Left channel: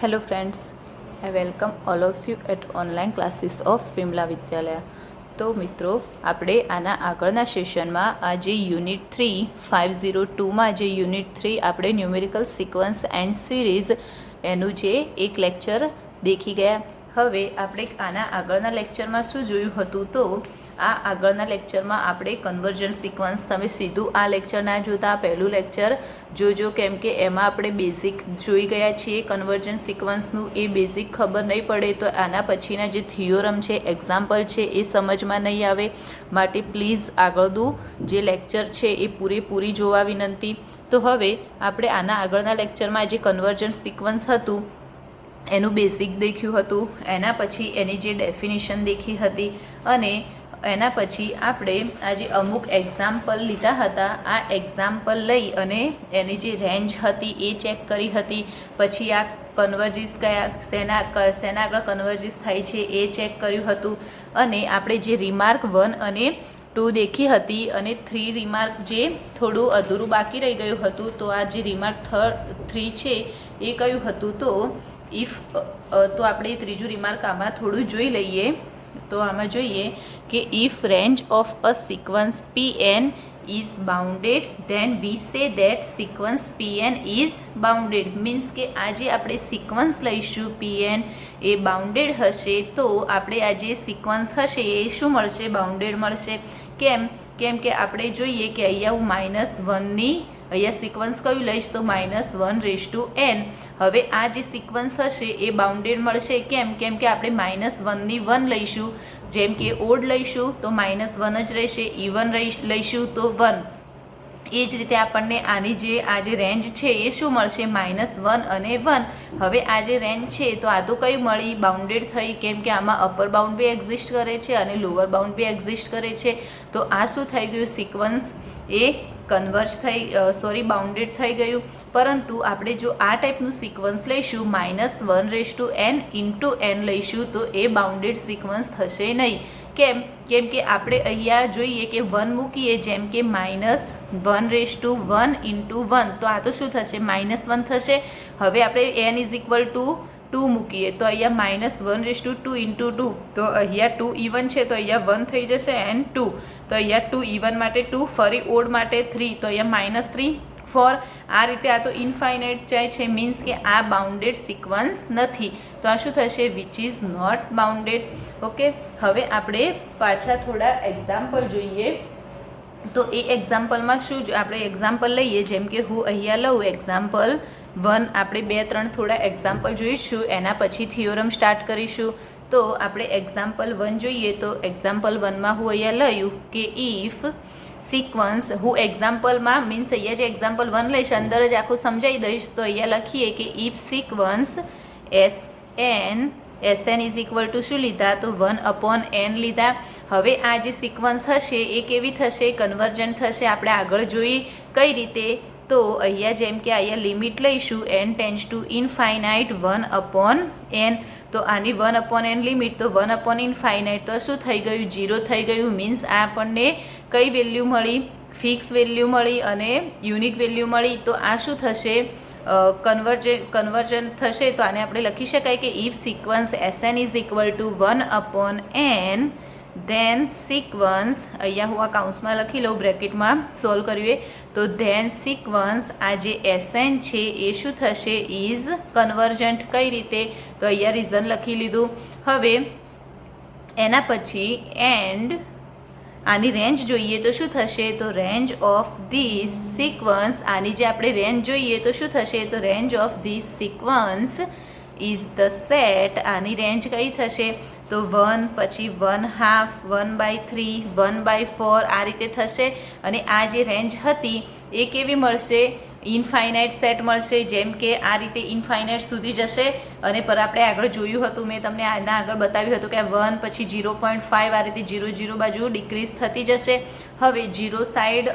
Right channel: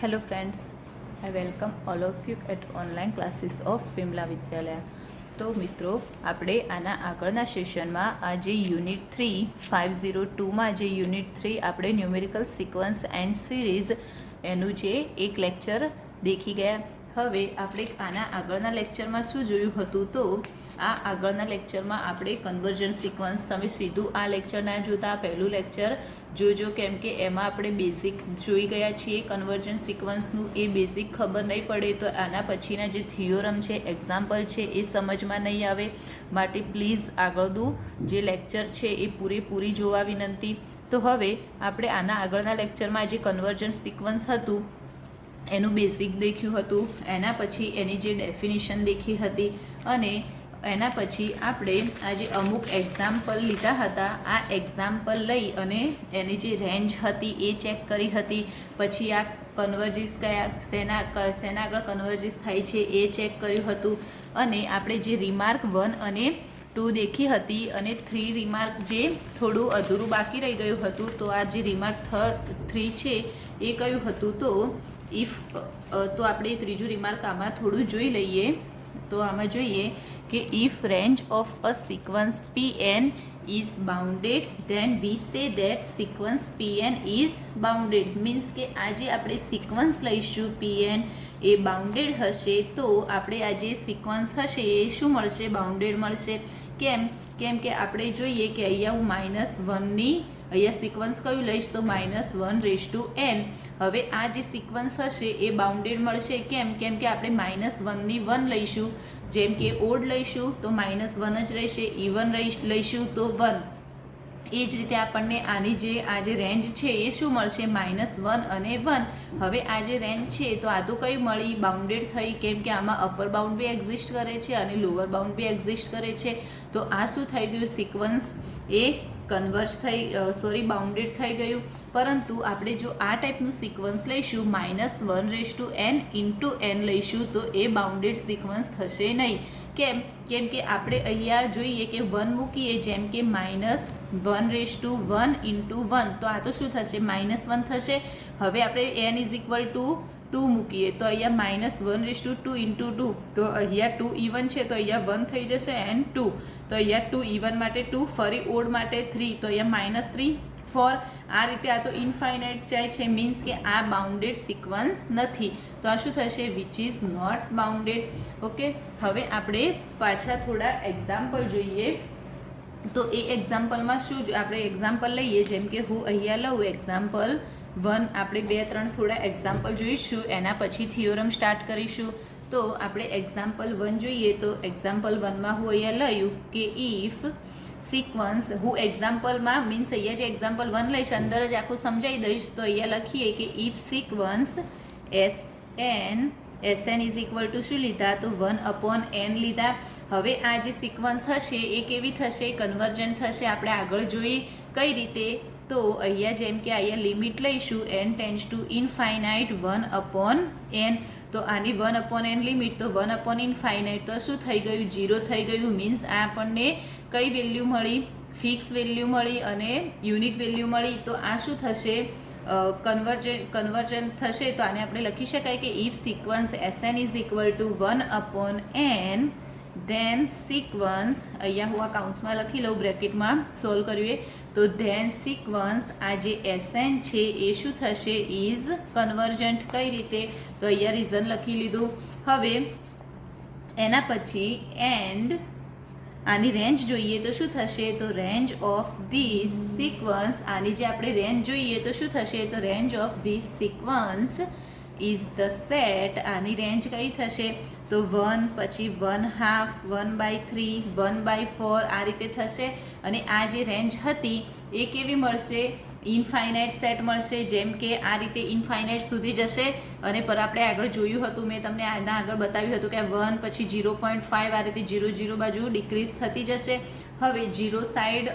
Hello friends, I welcome all of you at online classes of Vimala વિદ્યાલય. તો મિત્રો, આપણે આના આગળના સેશનમાં આજે યુનિટ 3 502માં જે યુનિટ 3 આપણે ન્યુમેરિકલ સિક્વન્સ એન્ડ સિરીઝ એનું જે એક લેક્ચર દેખી ગયા. હવે આપણે આના આગળના લેક્ચરમાં શું જોયું હતું, તો આ આગળના લેક્ચરમાં આપણે કન્વર્જન સિક્વન્સ, તમે સીધું આ લેક્ચર ના જોતા પહેલું લેક્ચર જોજો, કેમ કે એમાં આપણે બેઝિક જોઈ ગયા છીએ કન્વર્જન સિક્વન્સનું. એ બેઝિક ખબર નહીં પડે તો આના પછીના જે થિયોરમ છે, એક્ઝામ્પલ છે, એ સમજમાં નહીં આવે. માટે પ્લીઝ આગળનું જે લેક્ચર છે એ પૂરેપૂરી જોવા વિનંતી. તો હવે આપણે આના આગળના લેક્ચરમાં જે કન્વર્જન સિક્વન્સ હતું એનું બેઝિક દેખ્યું હતું, એના પછી એની જે ડેફિનેશન દેખી હતી, અને એના પછી આપણે આજે અમુક એક્ઝામ્પલ લીધા હતા. આ એક્ઝામ્પલ લઈ અને એની જે રેન્જ હતી એ ચેક કરી હતી. પછી આ કન્વર્જિસ શેના આગળ કન્વર્જિસ થાય છે એ ચેક કર્યું હતું. અને આપણે જે રિમાર્ક 1 અને 2 દેખી હતી, અને 3 રિમાર્ક જે થોડું અધૂરું બાકી રહી ગયું હતું, તો આ જે રિમાર્ક 3 છે એ કયું હતું, તો ઇફ તો આપણે ત્રીજું રિમાર્ક આમાં થોડું જોઈ લઈએ. તો આમાં જોઈએ કે if range of a sequence Pn is bounded, then we say that sequence Pn is bounded. Means કે આજે આપણે સિક્વન્સ લઈશું Pn એ બાઉન્ડેડ હશે, તો આપણે આ જે સિક્વન્સ હશે એ શું મળશે, બાઉન્ડેડ મળશે. કેમ કે આપણે જોઈએ કે અહીંયા હું -1ની અહીંયા સિક્વન્સ કયું લઈશ, તો -1/n. હવે આ જે સિક્વન્સ હશે એ બાઉન્ડેડ મળશે. કેમ કે આપણે -1ની 1 લઈશું, જેમ કે ઓડ લઈશું તો -1 જ રહેશે, ઇવન લઈશું તો 1. એ જ રીતે આપણને આની જે આ જે રેન્જ છે એ શું મળશે, -1 અને 1. હવે આ જે રેન્જ છે તો આ તો કઈ મળી, બાઉન્ડેડ થઈ, કેમ કે આમાં અપર બાઉન્ડ બી એક્ઝિસ્ટ કરે છે અને લોઅર બાઉન્ડ બી એક્ઝિસ્ટ કરે છે. તો આ શું થઈ ગયું, સિક્વન્સ એ બાઉન્ડેડ થઈ ગયું. પરંતુ આપણે જો આ ટાઈપનું સિક્વન્સ લઈશું, -1/n ઇન્ટુ n લઈશું, તો એ બાઉન્ડેડ સિક્વન્સ થશે નહીં. કેમ કે આપણે અહીંયા જોઈએ કે 1 મૂકીએ, જેમ કે -1/1 ઇન્ટુ 1, તો આ તો શું થશે, -1 થશે. હવે આપણે n = 2 મૂકીએ તો અહીંયા -1/2 ઇન્ટુ 2, તો અહીંયા 2 ઇવન છે તો અહીંયા 1 થઈ જશે, એન્ડ 2, તો અહીંયા 2 ઇવન માટે 2, ફરી ઓડ માટે 3, તો અહીંયા -3 4. આ રીતે આ તો ઇન્ફાઇનાઇટ જાય છે, મીન્સ કે આ બાઉન્ડેડ સિક્વન્સ નથી. તો આ શું થશે, which is not bounded. Okay, હવે આપણે પાછા થોડા એક્ઝામ્પલ જોઈએ. તો એ એક્ઝામ્પલમાં શું આપણે એક્ઝામ્પલ લઈએ, જેમ કે હું અહીંયા લઉં એક્ઝામ્પલ 1. આપણે 2-3 થોડા એક્ઝામ્પલ જોઈશું, એના પછી થિયોરમ સ્ટાર્ટ કરીશું. તો આપણે એક્ઝામ્પલ 1 જોઈએ. તો એક્ઝામ્પલ 1માં હું અહીંયા લઉં કે ઇફ સિક્વન્સ, હું એક્ઝામ્પલમાં મીન્સ અહીંયા જે એક્ઝામ્પલ 1 લઈશ અંદર જ આખું સમજાવી દઈશ. તો અહીંયા લખીએ કે if sequence SN is equal two શું લીધા, તો 1/n લીધા. હવે આ જે સિક્વન્સ હશે એ કેવી થશે, કન્વર્જન્ટ થશે. આપણે આગળ જોઈ કઈ રીતે, તો અહીંયા જેમ કે અહીંયા લિમિટ લઈશું n tends to infinite 1/n. તો આની 1/n લિમિટ, તો 1/ઇનફાઇનાઇટ, તો શું થઈ ગયું, 0 થઈ ગયું. મીન્સ આ આપણને કઈ વેલ્યુ મળી, ફિક્સ વેલ્યુ મળી અને યુનિક વેલ્યુ મળી. તો આ શું થશે, કન્વર્જન થશે. તો આને આપણે લખી શકાય કે if sequence SN is equal to 1/n, then sequence, અહીંયા હું આ કાઉન્સમાં લખી લઉં, બ્રેકેટમાં સોલ્વ કરીએ, તો ધેન સિક્વન્સ આ જે SN છે એ શું થશે, ઇઝ કન્વર્જન્ટ. કઈ રીતે, તો અહીંયા રીઝન લખી લીધું. હવે એના પછી એન્ડ આની રેન્જ જોઈએ તો શું થશે, તો રેન્જ ઓફ ધીસ સિક્વન્સ, આની જે આપણે રેન્જ જોઈએ તો શું થશે, તો range of this sequence is the set. આની રેન્જ કઈ થશે, તો 1, પછી 1/2, 1/3, 1/4, આ રીતે થશે. અને આ જે રેન્જ હતી એ કેવી મળશે, ઇનફાઇનાઇટ સેટ મળશે. જેમ કે આ રીતે ઇનફાઇનાઇટ સુધી જશે. અને પર આપણે આગળ જોયું હતું, મેં તમને આના આગળ બતાવ્યું હતું કે 1, પછી 0.5, આ રીતે 0 0 બાજુ ડિક્રીઝ થતી જશે. હવે 0 સાઈડ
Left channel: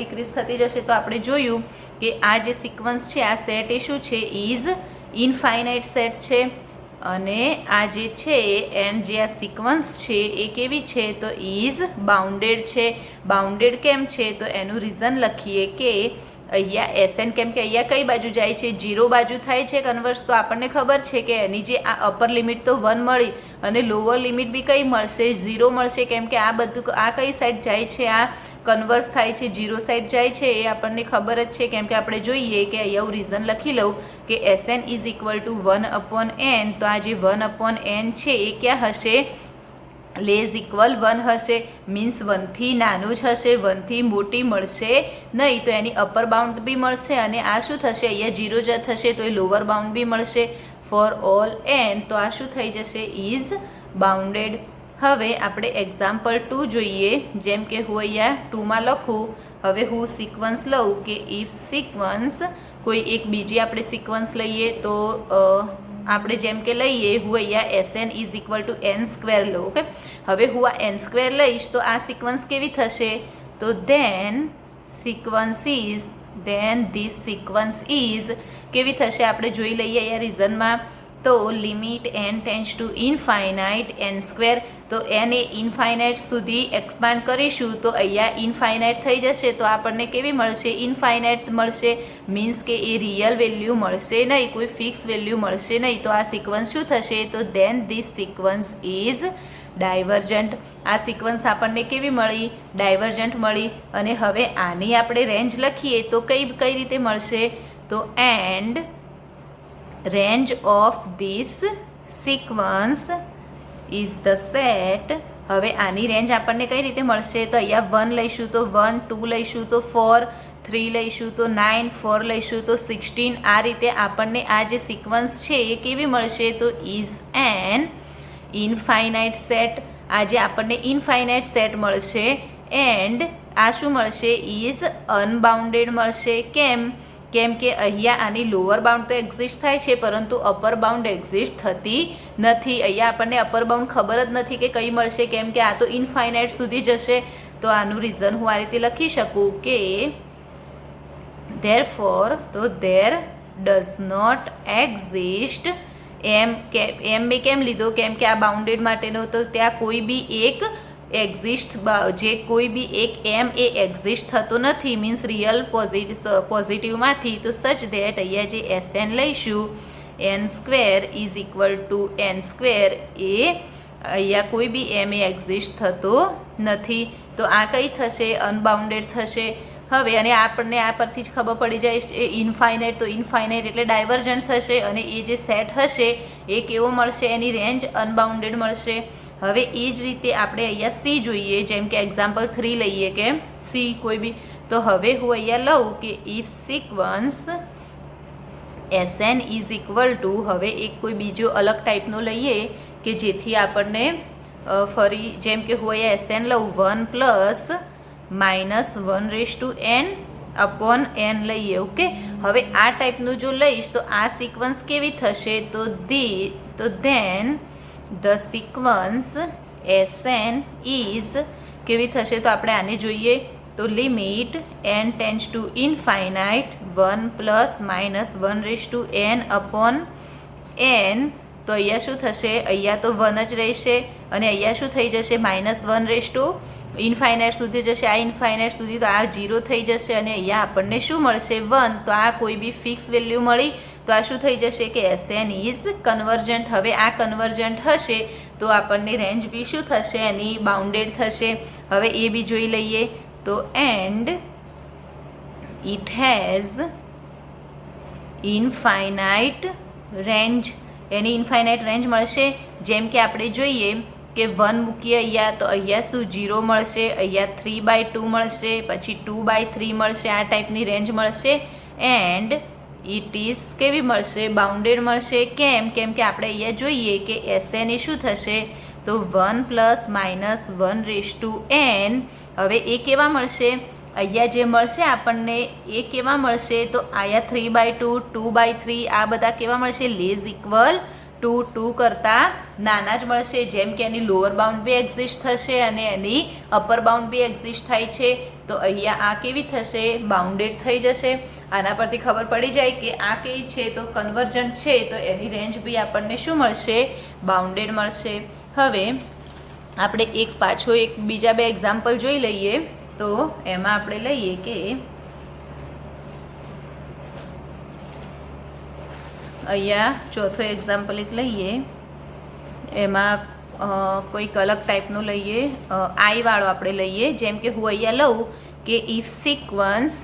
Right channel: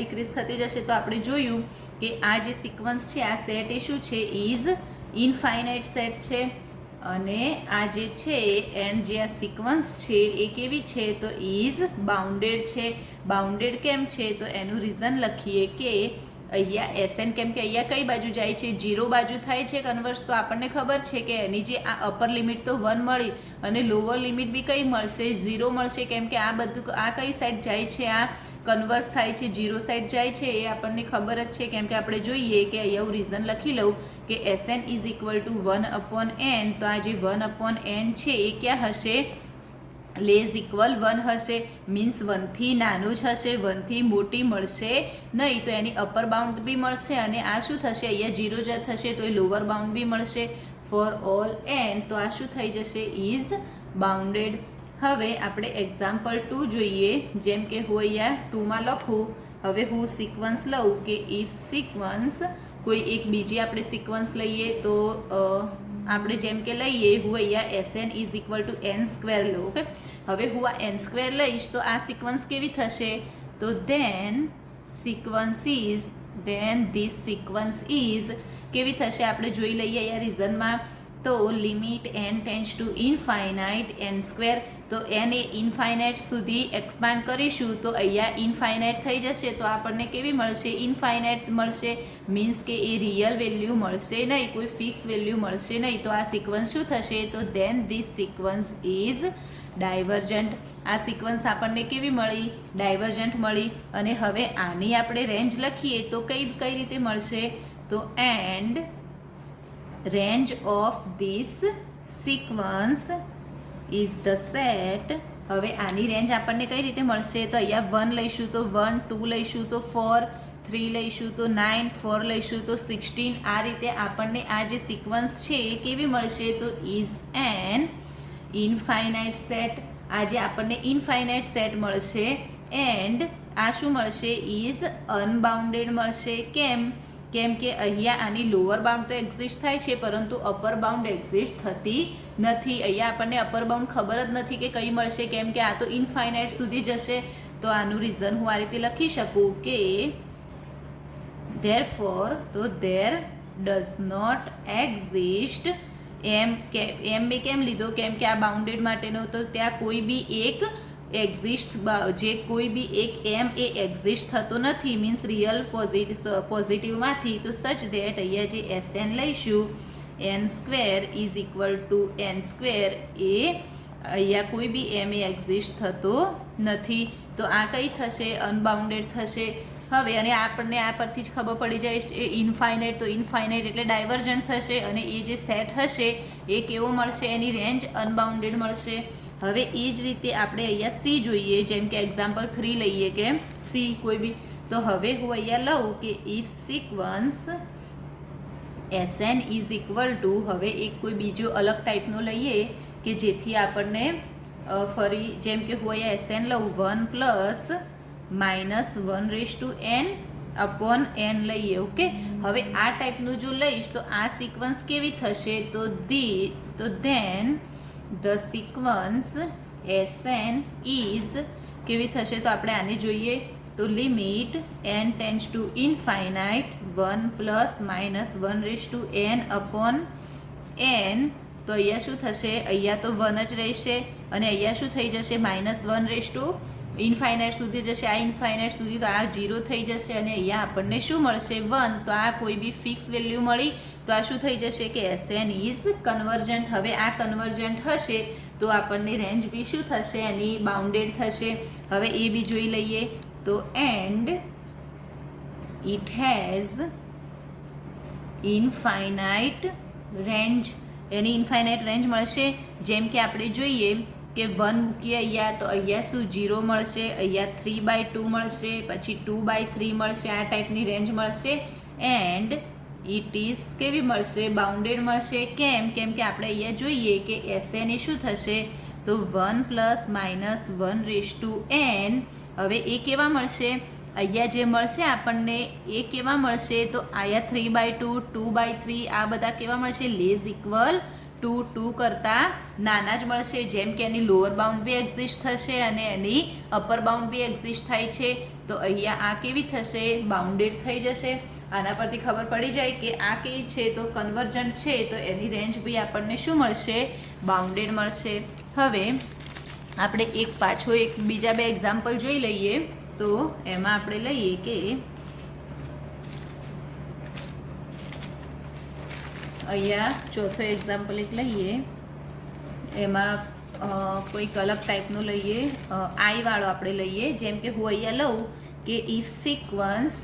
ડિક્રીઝ થતી જશે. તો આપણે જોયું કે આ જે સિક્વન્સ છે, આ સેટ એ શું છે, ઇઝ ઇનફાઇનાઇટ સેટ છે. અને આ જે છે એન્ડ જે આ સિક્વન્સ છે એ કેવી છે, તો ઇઝ બાઉન્ડેડ છે. બાઉન્ડેડ કેમ છે, તો એનું રીઝન લખીએ કે અહીંયા એસએન કેમ કે અહીંયા કઈ બાજુ જાય છે, 0 બાજુ થાય છે કન્વર્સ, તો આપણને ખબર છે કે એની જે આ અપર લિમિટ તો 1 મળી અને લોઅર લિમિટ બી કઈ મળશે, 0 મળશે. કેમ કે આ બધું આ કઈ સાઈડ જાય છે, આ કન્વર્સ થાય છે, 0 સાઈડ જાય છે, એ આપણને ખબર જ છે. કેમ કે આપણે જોઈએ કે અહીંયા હું રીઝન લખી લઉં કે SN is equal to 1/n. તો આ જે 1/n છે એ ક્યાં હશે, લેસ ઇક્વલ 1 હશે. મીન્સ 1 થી નાનું જ હશે, 1 થી મોટી મળશે નહીં. તો એની અપર બાઉન્ડ બી મળશે અને આ શું થશે, અહીંયા 0 જ થશે તો એ લોઅર બાઉન્ડ બી મળશે. ફોર ઓલ n તો આ શું થઈ જશે, ઇઝ બાઉન્ડેડ. હવે આપણે એક્ઝામ્પલ 2 જોઈએ. જેમ કે હું અહીંયા 2માં લખું. હવે હું સિક્વન્સ લઉં કે ઇફ સિક્વન્સ કોઈ એક બીજી આપણે સિક્વન્સ લઈએ તો આપણે જેમ કે લઈએ, હું અહીંયા SN is equal to n square લઉં. ઓકે, હવે હું આ n સ્ક્વેર લઈશ તો આ સિક્વન્સ કેવી થશે, તો ધેન ધીસ સિક્વન્સ ઇઝ કેવી થશે આપણે જોઈ લઈએ અહીંયા રીઝનમાં. તો limit n tends to infinite n square. તો n એ ઇનફાઇનાઇટ સુધી એક્સપાન્ડ કરીશું તો અહીંયા ઇનફાઇનાઇટ થઈ જશે, તો આપણને કેવી મળશે, ઇનફાઇનાઇટ મળશે. મીન્સ કે એ રિયલ વેલ્યુ મળશે નહીં, કોઈ ફિક્સ વેલ્યુ મળશે નહીં. તો આ સિક્વન્સ શું થશે, તો then this sequence is divergent. આ સિક્વન્સ આપણને કેવી મળી, ડાયવર્જન્ટ મળી. અને હવે આની આપણે રેન્જ લખીએ તો કઈ રીતે મળશે, તો and range of this sequence is the set. હવે આની રેન્જ આપણને કઈ રીતે મળશે, તો અહીંયા 1 લઈશું તો 1, 2 લઈશું તો 4, 3 લઈશું તો 9, 4 લઈશું તો 16. આ રીતે આપણને આ જે સિક્વન્સ છે એ કેવી મળશે, તો ઇઝ એન ઇનફાઇનાઇટ સેટ. આ જે આપણને ઇનફાઇનાઇટ સેટ મળશે. એન્ડ આ શું મળશે, ઇઝ અનબાઉન્ડેડ મળશે. કેમ કે અહીંયા આની લોઅર બાઉન્ડ તો એક્ઝિસ્ટ થાય છે પરંતુ અપર બાઉન્ડ એક્ઝિસ્ટ થતી નથી. અહીંયા આપણને અપર બાઉન્ડ ખબર જ નથી કે કઈ મળશે, કેમ કે આ તો ઇનફાઇનાઇટ સુધી જશે. તો આનું રીઝન હું આ રીતે લખી શકું કે ધેરફોર તો ધેર ડઝ નોટ એક્ઝિસ્ટ. એમ મેં કેમ લીધો, કેમ કે આ બાઉન્ડેડ માટેનો તો ત્યાં કોઈ બી એક એક્ઝિસ્ટ, જે કોઈ બી એક એમ એ એક્ઝિસ્ટ થતો નથી. મીન્સ રિયલ પોઝિટિવમાંથી. તો સચ ધેટ અહીંયા જે એસએન લઈશું n square is equal to n square, એ અહીંયા કોઈ બી એમ એ એક્ઝિસ્ટ થતો નથી. તો આ કઈ થશે, અનબાઉન્ડેડ થશે. હવે અને આપણને આ પરથી જ ખબર પડી જાય છે ઇનફાઇનાઇટ, તો ઇનફાઇનાઇટ એટલે ડાયવર્જન્ટ થશે. અને એ જે સેટ હશે એ કેવો મળશે, એની રેન્જ અનબાઉન્ડેડ મળશે. હવે એ જ રીતે આપણે અહીંયા સી જોઈએ. જેમ કે એક્ઝામ્પલ 3 લઈએ કે સી કોઈ બી. તો હવે હું અહીંયા લઉં કે if sequence SN is equal two, હવે એક કોઈ બીજો અલગ ટાઈપનો લઈએ કે જેથી આપણને ફરી, જેમ કે હું અહીંયા એસએન લઉં 1 પ્લસ -1/n અપોન n લઈએ. ઓકે, હવે આ ટાઈપનું જો લઈશ તો આ સિક્વન્સ કેવી થશે, તો then the sequence SN is કેવી થશે, તો આપણે આને જોઈએ. તો limit n tends to infinite 1 plus -1/n upon n. તો અહીંયા શું થશે, અહીંયા તો 1 જ રહેશે અને અહીંયા શું થઈ જશે, -1 ઇનફાઇનાઇટ સુધી જશે. આ ઇનફાઇનાઇટ સુધી તો આ 0 થઈ જશે અને અહીંયા આપણને શું મળશે, 1. તો આ કોઈ બી ફિક્સ વેલ્યુ મળી. તો આ શું થઈ જશે કે એસએન ઇઝ કન્વર્જન્ટ. હવે આ કન્વર્જન્ટ હશે તો આપણને રેન્જ બી શું થશે, એની બાઉન્ડેડ થશે. હવે એ બી જોઈ લઈએ. તો and it has infinite range. Any infinite range મળશે. જેમ કે આપણે જોઈએ કે 1 મૂકીએ અહીંયા તો અહીંયા શું 0 મળશે, અહીંયા 3/2 મળશે, પછી 2/3 મળશે. આ ટાઈપની રેન્જ મળશે. એન્ડ ઇટ ઇઝ કેવી મળશે, બાઉન્ડેડ મળશે. કેમ કે આપણે અહીંયા જોઈએ કે એસએન એ શું થશે, તો 1 પ્લસ -1/n. હવે એ કેવા મળશે, અહીંયા જે મળશે આપણને એ કેવા મળશે, તો અહીંયા 3/2, 2/3 આ બધા કેવા મળશે, લેસ ઇક્વલ ટુ 2 કરતાં નાના જ મળશે. જેમ કે એની લોઅર બાઉન્ડ બી એક્ઝિસ્ટ થશે અને એની અપર બાઉન્ડ બી એક્ઝિસ્ટ થાય છે. તો અહીંયા આ કેવી થશે, બાઉન્ડેડ થઈ જશે. આના પરથી ખબર પડી જાય કે આ કેવી છે, તો કન્વર્જન્ટ છે. તો એની રેન્જ બી આપણને શું મળશે, બાઉન્ડેડ મળશે. હવે આપણે એક બીજા બે એક્ઝામ્પલ જોઈ લઈએ. તો એમાં આપણે લઈએ કે અહીંયા ચોથો એક્ઝામ્પલ એક લઈએ, એમાં કોઈક અલગ ટાઈપનું લઈએ, આઈવાળો આપણે લઈએ. જેમ કે હું અહીંયા લઉં કે if sequence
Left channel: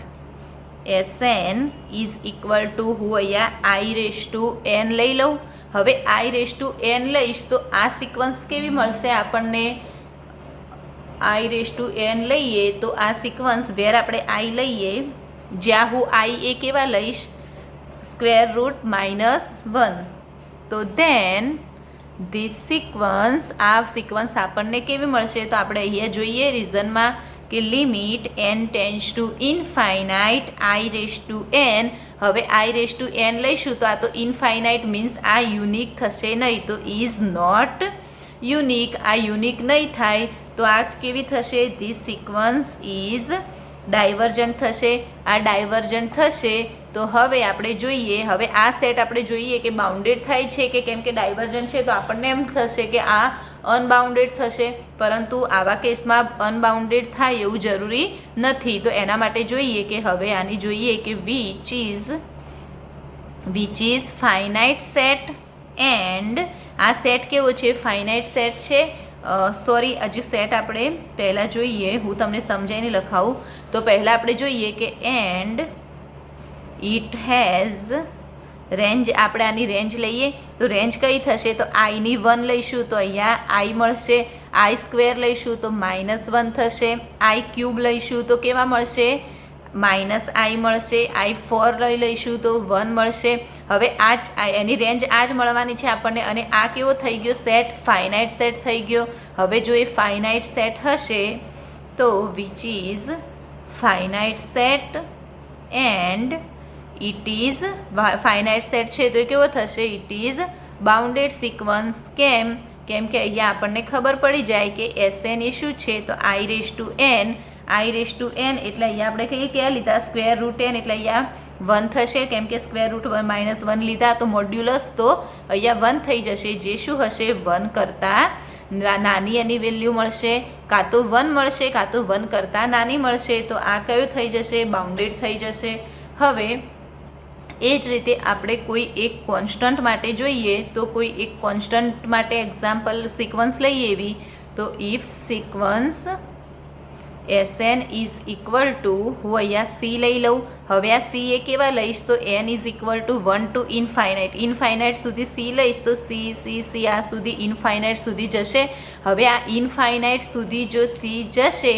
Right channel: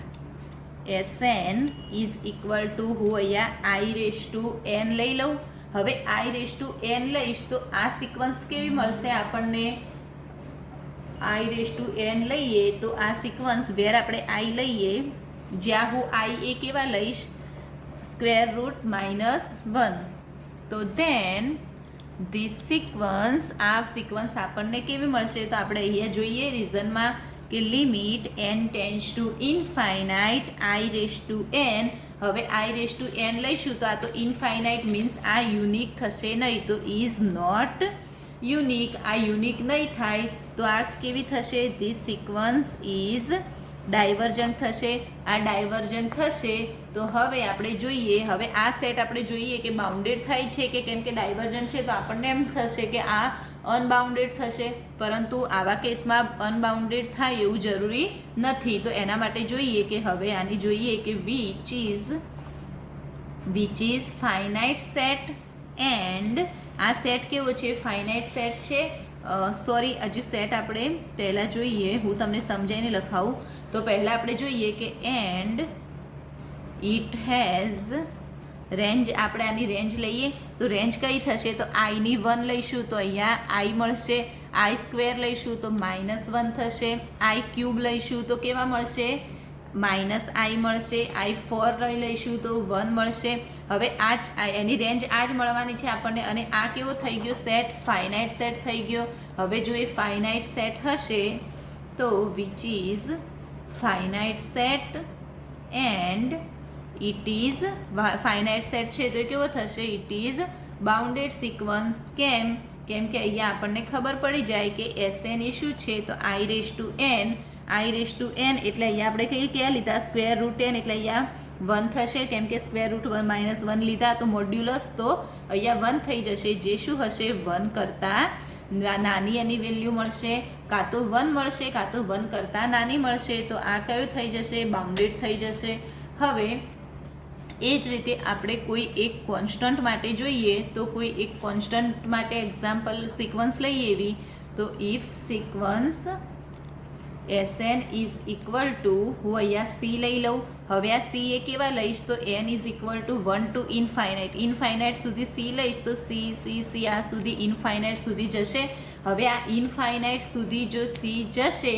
Sn is equal two, હું અહીંયા i⁴n લઈ લઉં. હવે i⁴n લઈશ તો આ સિક્વન્સ કેવી મળશે આપણને? i⁴n લઈએ તો આ સિક્વન્સ વેર આપણે i લઈએ, જ્યાં હું i એ કેવા લઈશ? √-1. તો ધેન ધીસ સિક્વન્સ, આ સિક્વન્સ આપણને કેવી મળશે? તો આપણે અહીંયા જોઈએ રીઝનમાં કે limit n tends to infinite i⁴n. હવે i⁴n લઈશું તો આ તો ઇનફાઇનાઇટ મીન્સ આ યુનિક થશે નહીં, તો ઇઝ નોટ યુનિક. આ યુનિક નહીં થાય તો આ કેવી થશે? ધીસ સિક્વન્સ ઇઝ ડાયવર્જન્ટ થશે. આ ડાયવર્જન્ટ થશે તો હવે આપણે જોઈએ, હવે આ સેટ આપણે જોઈએ કે બાઉન્ડેડ થાય છે કે કેમ કે ડાયવર્જન્ટ છે તો આપણને એમ થશે કે આ અનબાઉન્ડેડ થશે, પરંતુ આવા કેસમાં અનબાઉન્ડેડ થાય એવું જરૂરી નથી. તો એના માટે જોઈએ કે હવે આની જોઈએ કે which is finite set, and આ સેટ કેવો છે? ફાઇનાઇટ સેટ છે. સોરી, હજુ સેટ આપણે પહેલાં જોઈએ, હું તમને સમજાવીને લખાવું. તો પહેલાં આપણે જોઈએ કે એન્ડ ઇટ હેઝ રેન્જ. આપણે આની રેન્જ લઈએ તો રેન્જ કઈ થશે? તો આઈની 1 લઈશું તો અહીંયા આઈ મળશે, i² લઈશું તો -1 થશે, i³ લઈશું તો કેવા મળશે? -i મળશે, i4 લઈશું તો 1 મળશે. હવે આ જ એની રેન્જ આ જ મળવાની છે આપણને. અને આ કેવો થઈ ગયો સેટ? ફાઇનાઇટ સેટ થઈ ગયો. હવે જો એ ફાઇનાઇટ સેટ હશે તો which is finite set and it is finite set છે તો એ કેવો થશે? It is bounded sequence. કેમ કે અહીંયા આપણને ખબર પડી જાય કે Sn એ શું છે? તો i⁴n એટલે અહીંયા આપણે કહીએ ક્યાં લીધા? √n એટલે અહીંયા 1 થશે, કેમ કે √1 લીધા તો મોડ્યુલસ તો અહીંયા 1 થઈ જશે, જે શું હશે? 1 કરતાં નાની એની વેલ્યુ મળશે, કાં તો 1 મળશે કાં તો 1 કરતાં નાની મળશે. તો આ કયું થઈ જશે? બાઉન્ડેડ થઈ જશે. હવે એ જ રીતે આપણે કોઈ એક કોન્સ્ટન્ટ માટે જોઈએ તો કોઈ એક કોન્સ્ટન્ટ માટે એક્ઝામ્પલ સિક્વન્સ લઈએ એવી, તો if sequence Sn is equal two, હું અહીંયા c લઈ લઉં. હવે આ c એ કેવા લઈશ? તો n is equal to 1 to infinite સુધી c લઈશ તો c આ સુધી ઇનફાઇનાઇટ સુધી જશે. હવે આ ઇનફાઇનાઇટ સુધી જો c જશે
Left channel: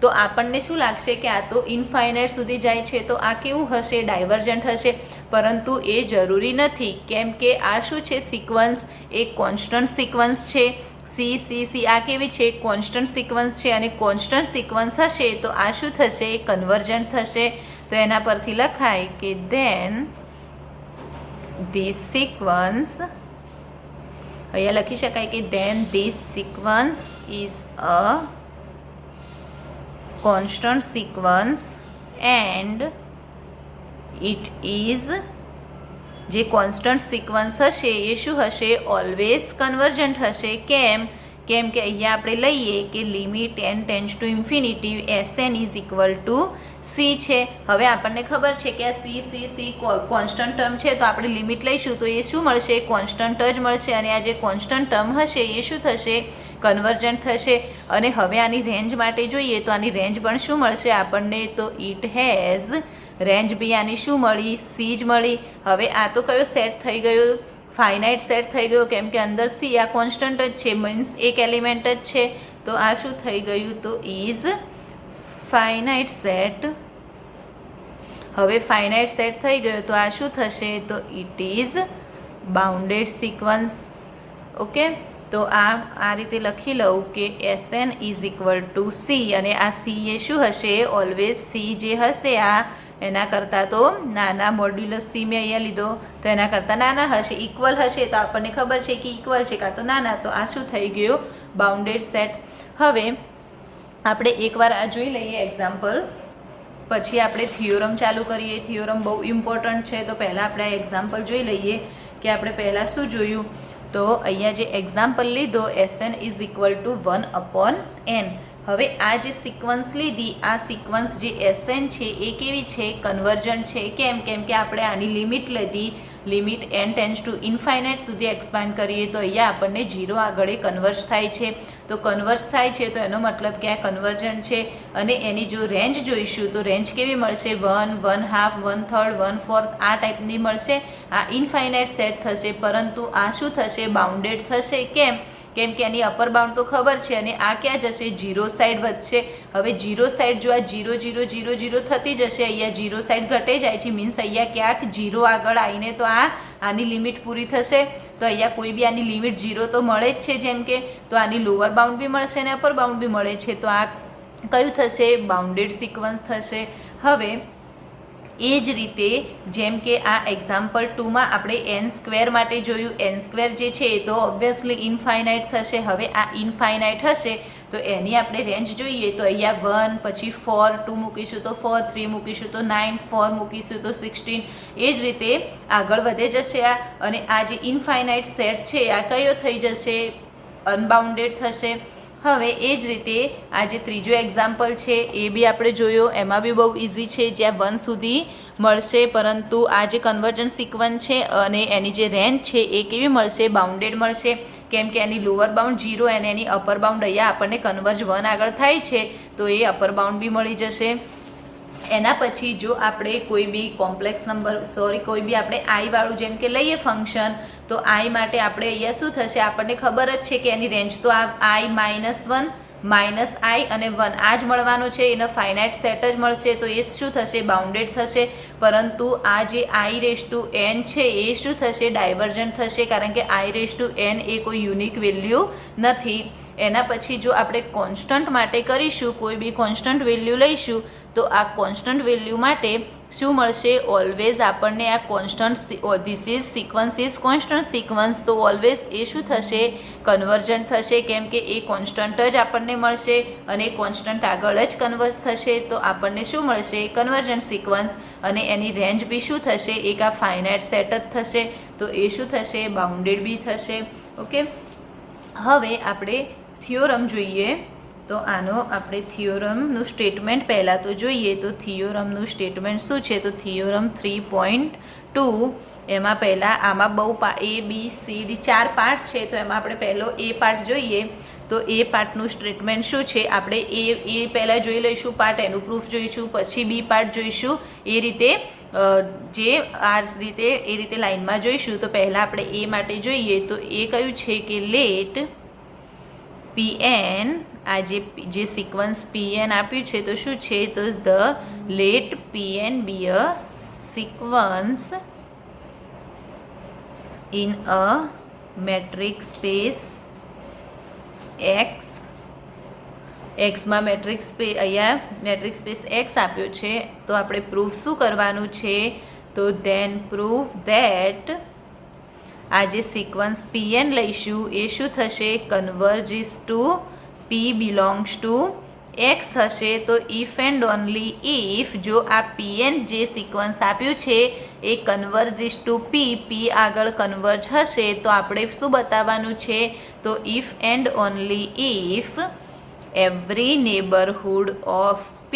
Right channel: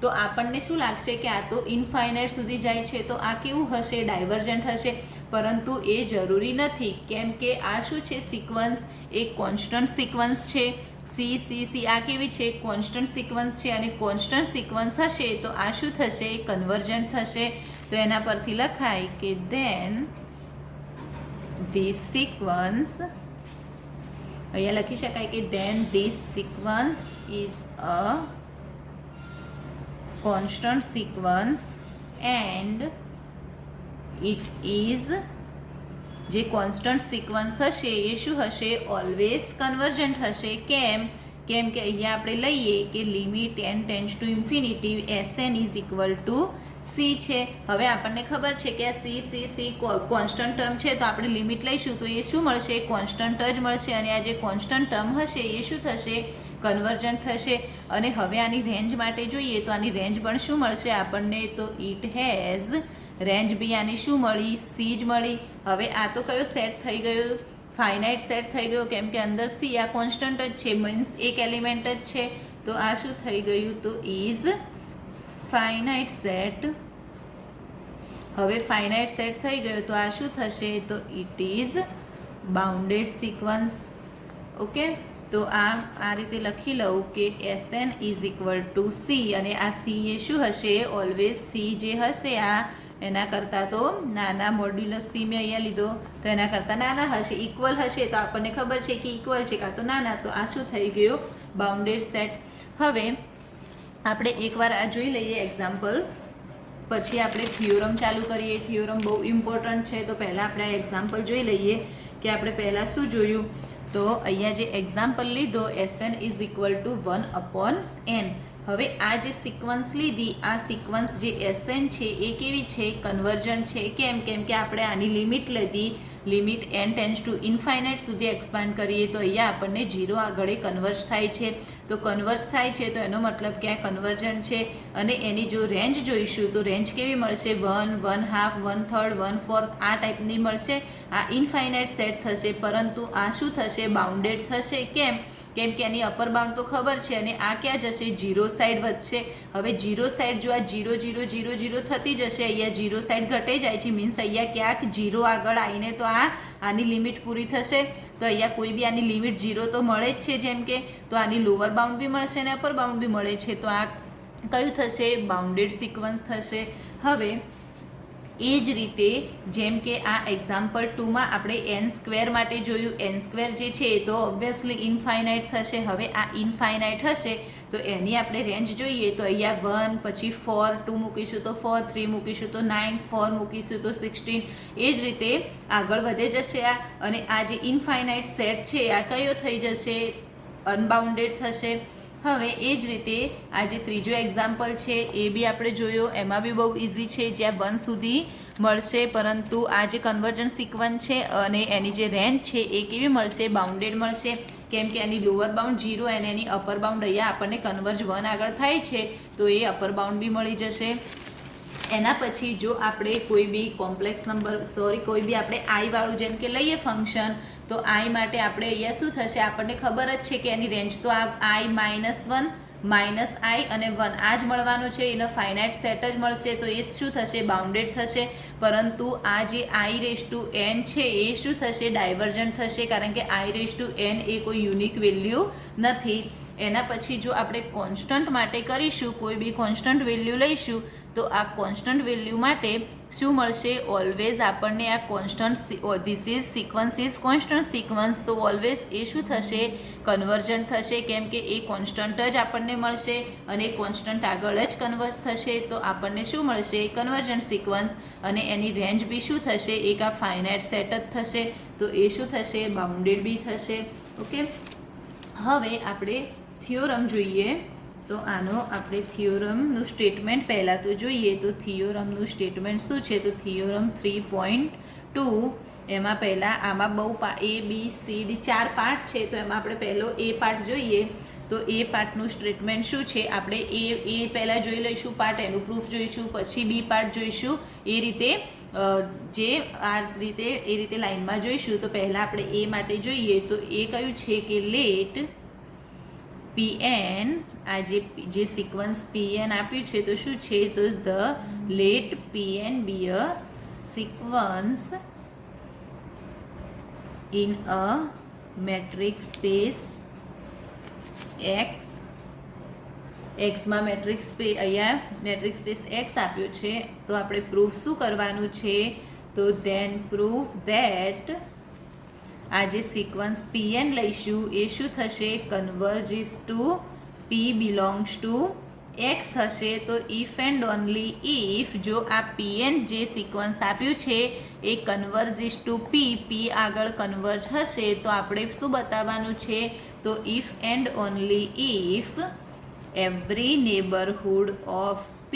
તો આપણને શું લાગશે કે આ તો ઇનફાઇનાઇટ સુધી જાય છે તો આ કેવું હશે? ડાયવર્જન્ટ હશે. પરંતુ એ જરૂરી નથી, કેમ કે આ શું છે? સિક્વન્સ એક કોન્સ્ટન્ટ સિક્વન્સ છે. સી આ કેવી છે? કોન્સ્ટન્ટ સિક્વન્સ છે. અને કોન્સ્ટન્ટ સિક્વન્સ હશે તો આ શું થશે? કન્વર્જન્ટ થશે. તો એના પરથી લખાય કે ધેન ધીસ સિક્વન્સ, અહીંયા લખી શકાય કે then this sequence is a constant sequence and it is, જે કોન્સ્ટન્ટ સિક્વન્સ હશે એ શું હશે? ઓલવેઝ કન્વર્જન્ટ હશે. કેમ કે અહીંયા આપણે લઈએ કે limit n tends to infinity Sn is equal two c છે. હવે આપણને ખબર છે કે આ c કોન્સ્ટન્ટ ટર્મ છે તો આપણે લિમિટ લઈશું તો એ શું મળશે? કોન્સ્ટન્ટ જ મળશે. અને આ જે કોન્સ્ટન્ટ ટર્મ હશે એ શું થશે? કન્વર્જન્ટ થશે. અને હવે આની રેન્જ માટે જોઈએ તો આની રેન્જ પણ શું મળશે આપણને? તો ઇટ હેઝ રેન્જ બી આની શું મળી? c જ મળી. હવે આ તો કયો સેટ થઈ ગયો? ફાઇનાઇટ સેટ થઈ ગયો, કેમ કે અંદર c આ કોન્સ્ટન્ટ જ છે, મીન્સ એક એલિમેન્ટ જ છે. તો આ શું થઈ ગયું? તો ઇઝ ફાઇનાઇટ સેટ. હવે ફાઇનાઇટ સેટ થઈ ગયો તો આ શું થશે? તો it is bounded sequence. Okay, તો આ રીતે લખી લઉં કે Sn is equal two c. અને આ c એ શું હશે? ઓલવેઝ c જે હશે આ એના કરતાં તો નાના, મોડ્યુલસ c મેં અહીંયા લીધો તો એના કરતાં નાના હશે. ઇક્વલ હશે તો આપણને ખબર છે કે ઇક્વલ છે કાં તો નાના. તો આ શું થઈ ગયો? Bounded set. હવે આપણે એકવાર આ જોઈ લઈએ એક્ઝામ્પલ, પછી આપણે થિયોરમ ચાલુ કરીએ. થિયોરમ બહુ ઇમ્પોર્ટન્ટ છે. તો પહેલાં આપણે આ એક્ઝામ્પલ જોઈ લઈએ કે આપણે પહેલાં શું જોયું. તો અહીંયા જે એક્ઝામ્પલ લીધો Sn is equal to 1/n. હવે આ જે સિક્વન્સ લીધી, આ સિક્વન્સ જે Sn છે એ કેવી છે? કન્વર્જન્ટ છે. કેમ કે આપણે આની લિમિટ લીધી limit n tends two infinite સુધી એક્સપાન્ડ કરીએ તો અહીંયા આપણને 0 આગળ કન્વર્જ થાય છે. તો કન્વર્જ થાય છે તો એનો મતલબ કે આ કન્વર્જન્ટ છે. અને એની જો રેન્જ જોઈશું તો રેન્જ કેવી મળશે? 1, 1/2, 1/3, 1/4 આ ટાઈપની મળશે. આ ઇન્ફાઇનાઇટ સેટ થશે, પરંતુ આ શું થશે? બાઉન્ડેડ થશે. કેમ કે એની અપર બાઉન્ડ તો ખબર છે, અને આ ક્યાં જશે? 0 સાઈડ વધશે. હવે 0 સાઈડ જો આ 0, 0, 0, 0 થતી જશે, અહીંયા 0 સાઈડ ઘટે જાય છે, મીન્સ અહીંયા ક્યાંક 0 આગળ આવીને તો આની લિમિટ પૂરી થશે. તો અહીંયા કોઈ બી આની લિમિટ 0 તો મળે જ છે, જેમ કે તો આની લોઅર બાઉન્ડ બી મળશે અને અપર બાઉન્ડ બી મળે છે. તો આ કયું થશે? બાઉન્ડેડ સિક્વન્સ થશે. હવે એ જ રીતે જેમ કે આ એક્ઝામ્પલ 2માં આપણે n² માટે જોયું. n² જે છે એ તો ઓબ્વિયસલી ઇન્ફાઇનાઇટ થશે. હવે આ ઇન્ફાઇનાઇટ હશે તો એની આપણે રેન્જ જોઈએ તો અહીંયા 1, પછી 4, 2 મૂકીશું તો 4, 3 મૂકીશું તો 9, 4 મૂકીશું તો 16. એ જ રીતે આગળ વધે જશે આ. અને આ જે ઇન્ફાઇનાઇટ સેટ છે આ કયો થઈ જશે? અનબાઉન્ડેડ થશે. હવે એ જ રીતે આ જે ત્રીજો એક્ઝામ્પલ છે એ બી આપણે જોયો. એમાં બી બહુ ઇઝી છે, જ્યાં 1 સુધી મળશે, પરંતુ આ જે કન્વર્જન્ટ સિક્વન્સ છે અને એની જે રેન્જ છે એ કેવી મળશે? બાઉન્ડેડ મળશે. કેમ કે એની લોઅર બાઉન્ડ 0 અને એની અપર બાઉન્ડ અહીંયા આપણને કન્વર્જ 1 આગળ થાય છે, તો એ અપર બાઉન્ડ બી મળી જશે. એના પછી જો આપણે કોઈ બી કોમ્પ્લેક્સ નંબર કોઈ બી આપણે આઈ વાળું જેમ કે લઈએ ફંક્શન, તો આઈ માટે આપણે અહીંયા શું થશે? આપણને ખબર જ છે કે એની રેન્જ તો આ i -1, -i અને 1 આ જ મળવાનો છે. એનો ફાઇનાઇટ સેટ જ મળશે, તો એ શું થશે? બાઉન્ડેડ થશે. પરંતુ આ જે i⁻n છે એ શું થશે? ડાયવર્જન્ટ થશે, કારણ કે i⁻n એ કોઈ યુનિક વેલ્યુ નથી. એના પછી જો આપણે કોન્સ્ટન્ટ માટે કરીશું, કોઈ બી કોન્સ્ટન્ટ વેલ્યુ લઈશું, તો આ કોન્સ્ટન્ટ વેલ્યુ માટે શું મળશે? ઓલવેઝ આપણને આ constant this is sequence is constant sequence, તો ઓલવેઝ એ શું થશે? કન્વર્જન્ટ થશે. કેમ કે એ કોન્સ્ટન્ટ જ આપણને મળશે અને કોન્સ્ટન્ટ આગળ જ કન્વર્જ થશે, તો આપણને શું મળશે? Convergent sequence. અને એની રેન્જ બી શું થશે? એક આ ફાઇનાઇટ સેટ જ થશે, તો એ શું થશે? બાઉન્ડેડ બી થશે. ઓકે, હવે આપણે થિયોરમ જોઈએ. તો આનો આપણે થિયોરમનું સ્ટેટમેન્ટ પહેલાં તો જોઈએ. તો થિયોરમનું સ્ટેટમેન્ટ શું છે? તો થિયોરમ 3.2 એમાં પહેલાં આમાં બહુ ABCD 4 પાર્ટ છે, તો એમાં આપણે પહેલો એ પાર્ટ જોઈએ. તો એ પાર્ટનું સ્ટેટમેન્ટ શું છે? આપણે એ પહેલાં જોઈ લઈશું પાર્ટ, એનું પ્રૂફ જોઈશું, પછી બી પાર્ટ જોઈશું. એ રીતે એ રીતે લાઈનમાં જોઈશું. તો પહેલાં આપણે એ માટે જોઈએ. તો એ કયું છે કે લેટ Pn, આ જે સિક્વન્સ Pn આપ્યું છે તો શું છે? તો the let Pn be a sequence in a metric space X. એક્સમાં મેટ્રિક સ્પેસ, અહીંયા મેટ્રિક સ્પેસ X આપ્યો છે. તો આપણે પ્રૂફ શું કરવાનું છે? તો ધેન પ્રૂફ ધેટ આ જે સિક્વન્સ Pn લઈશું એ શું થશે? Converges to P belongs to X થશે. તો ઇફ એન્ડ ઓનલી ઇફ જો આ Pn જે સિક્વન્સ આપ્યું છે એ કન્વર્જીસ ટુ P આગળ કન્વર્જ હશે, તો આપણે શું બતાવવાનું છે? તો if and only if every neighbourhood of P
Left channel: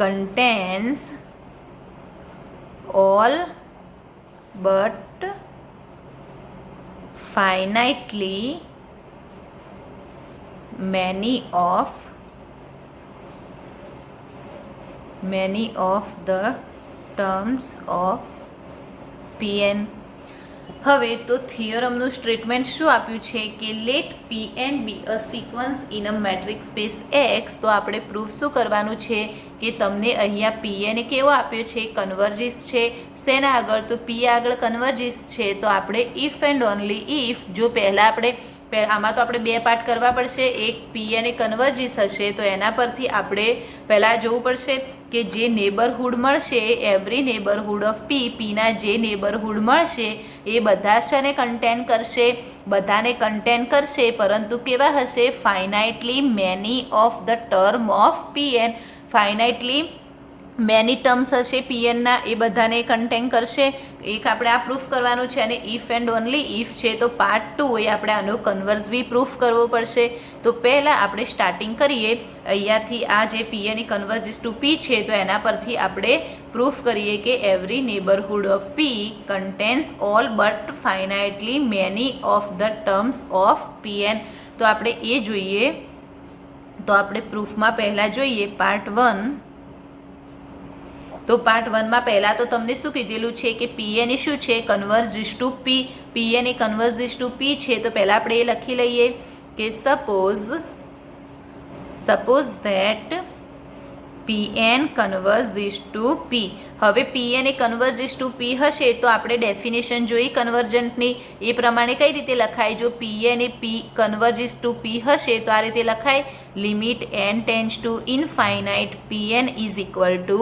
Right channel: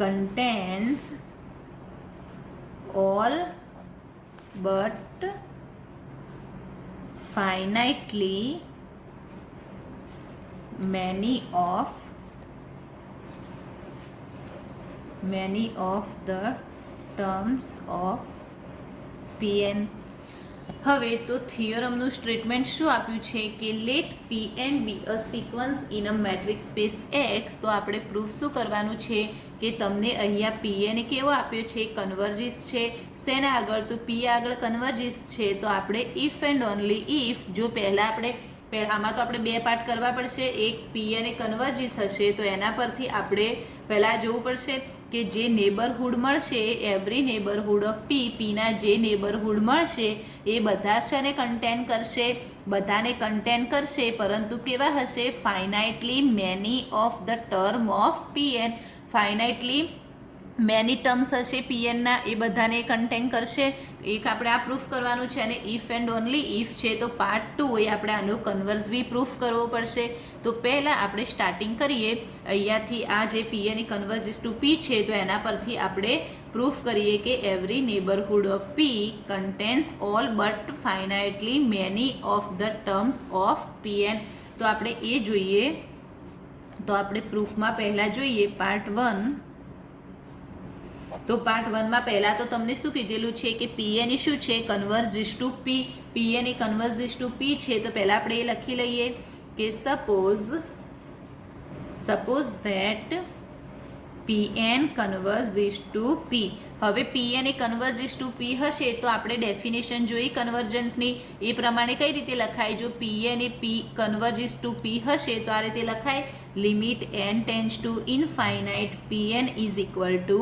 contains all but finitely many of the terms of Pn. હવે તો થિયોરમનું સ્ટેટમેન્ટ શું આપ્યું છે કે let Pn be a sequence in a metric space X. તો આપણે પ્રૂફ શું કરવાનું છે કે તમને અહીંયા Pn કેવો આપ્યો છે? કન્વર્જીસ છે. શેના આગળ? તો P આગળ કન્વર્જીસ છે. તો આપણે ઇફ એન્ડ ઓનલી ઇફ જો પહેલાં આપણે આમાં તો આપણે બે પાર્ટ કરવા પડશે. એક Pn કન્વર્જીસ હશે, તો એના પરથી આપણે પહેલાં જોવું પડશે કે જે નેબરહુડ મળશે, એવરી નેબરહુડ ઓફ Pના જે નેબરહુડ મળશે એ બધા છે કન્ટેન કરશે, બધાને કન્ટેન કરશે, પરંતુ કેવા હશે? Finitely many of the term of Pn. Finitely many terms હશે Pnના, એ બધાને કન્ટેન કરશે. એક આપણે આ પ્રૂફ કરવાનું છે. અને ઇફ એન્ડ ઓનલી ઇફ છે તો પાર્ટ 2 એ આપણે આનો કન્વર્સ બી પ્રૂફ કરવો પડશે. તો પહેલાં આપણે સ્ટાર્ટિંગ કરીએ અહીંયાથી આ જે પીએન કન્વર્જિસ ટુ પી છે તો એના પરથી આપણે પ્રૂફ કરીએ કે every neighbourhood of P contains all but finitely many of the terms of P N. તો આપણે એ જોઈએ. તો આપણે પ્રૂફમાં પહેલાં જોઈએ પાર્ટ 1. તો પાર્ટ 1માં પહેલાં તો તમને શું કીધેલું છે કે પીએન એ શું છે? કન્વર્જિસ ટુ પી. પીએન એ કન્વર્જિસ ટુ પી છે તો પહેલાં આપણે એ લખી લઈએ કે સપોઝ ધેટ પીએન કન્વર્જિસ ટુ પી. હવે પીએન એ કન્વર્જિસ ટુ પી હશે તો આપણે ડેફિનેશન જોઈ કન્વર્જન્ટની, એ પ્રમાણે કઈ રીતે લખાય? જો પીએન એ પી કન્વર્જિસ ટુ પી હશે તો આ રીતે લખાય, limit n tends to infinite P N is equal to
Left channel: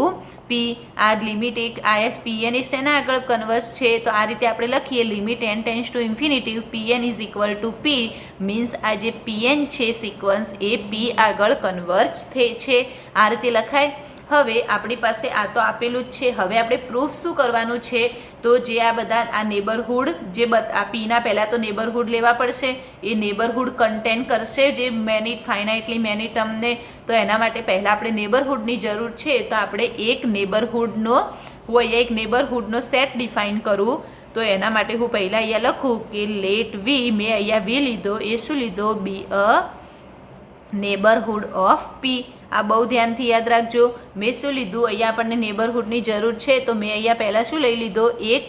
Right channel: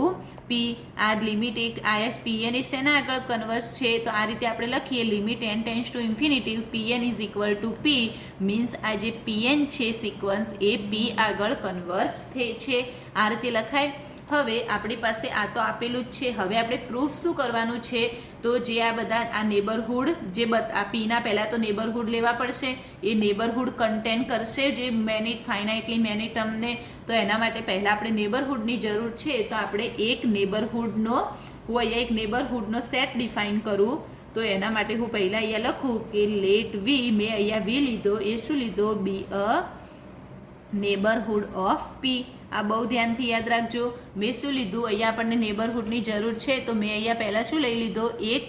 P. આ લિમિટ એક આયસ પીએન એ શેના આગળ કન્વર્સ છે? તો આ રીતે આપણે લખીએ, limit n tends to infinity PN is equal to P. Means આ જે પીએન છે સિક્વન્સ એ પી આગળ કન્વર્જ થાય છે. આ રીતે લખાય. હવે આપણી પાસે આ તો આપેલું જ છે. હવે આપણે પ્રૂફ શું કરવાનું છે? તો જે આ બધા આ નેબરહુડ જે આ પીના પહેલાં તો નેબરહુડ લેવા પડશે. એ નેબરહુડ કન્ટેન કરશે જે મેની ફાઇનાઇટલી મેની ટર્મને. તો એના માટે પહેલાં આપણે નેબરહુડની જરૂર છે. તો આપણે એક નેબરહુડનો હું અહીંયા એક નેબરહુડનો સેટ ડિફાઇન કરું. તો એના માટે હું પહેલાં અહીંયા લખું કે લેટ વી, મેં અહીંયા વી લીધો, એ શું લીધો? બી અ નેબરહુડ ઓફ પી. આ બહુ ધ્યાનથી યાદ રાખજો. મેં શું લીધું? અહીંયા આપણને નેબરહુડની જરૂર છે તો મેં અહીંયા પહેલાં શું લઈ લીધો? એક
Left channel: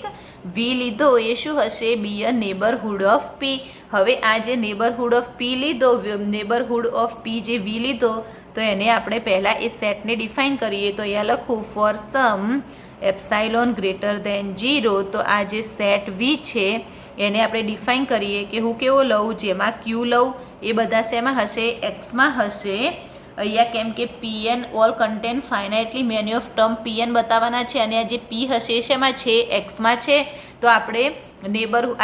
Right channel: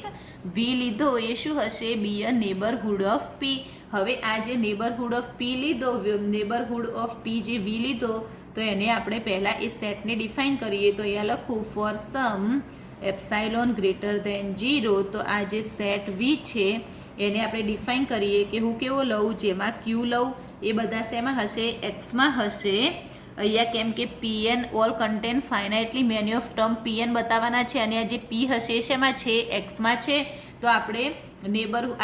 વી લીધો. એ શું હશે? બી અ નેબરહુડ ઓફ પી. હવે આ જે નેબરહુડ ઓફ પી લીધો, નેબરહુડ ઓફ પી જે વી લીધો, તો એને આપણે પહેલાં એ સેટને ડિફાઇન કરીએ. તો અહીંયા લખું for some epsilon greater than 0. તો આ જે સેટ વી છે એને આપણે ડિફાઇન કરીએ કે હું કેવો લઉં? જેમાં ક્યુ લઉં. એ બધા શેમાં હશે? એક્સમાં હશે. અહીંયા કેમ કે P N all contain finitely many of term P N બતાવવાના છે અને આ જે પી હશે શેમાં છે? એક્સમાં છે. તો આપણે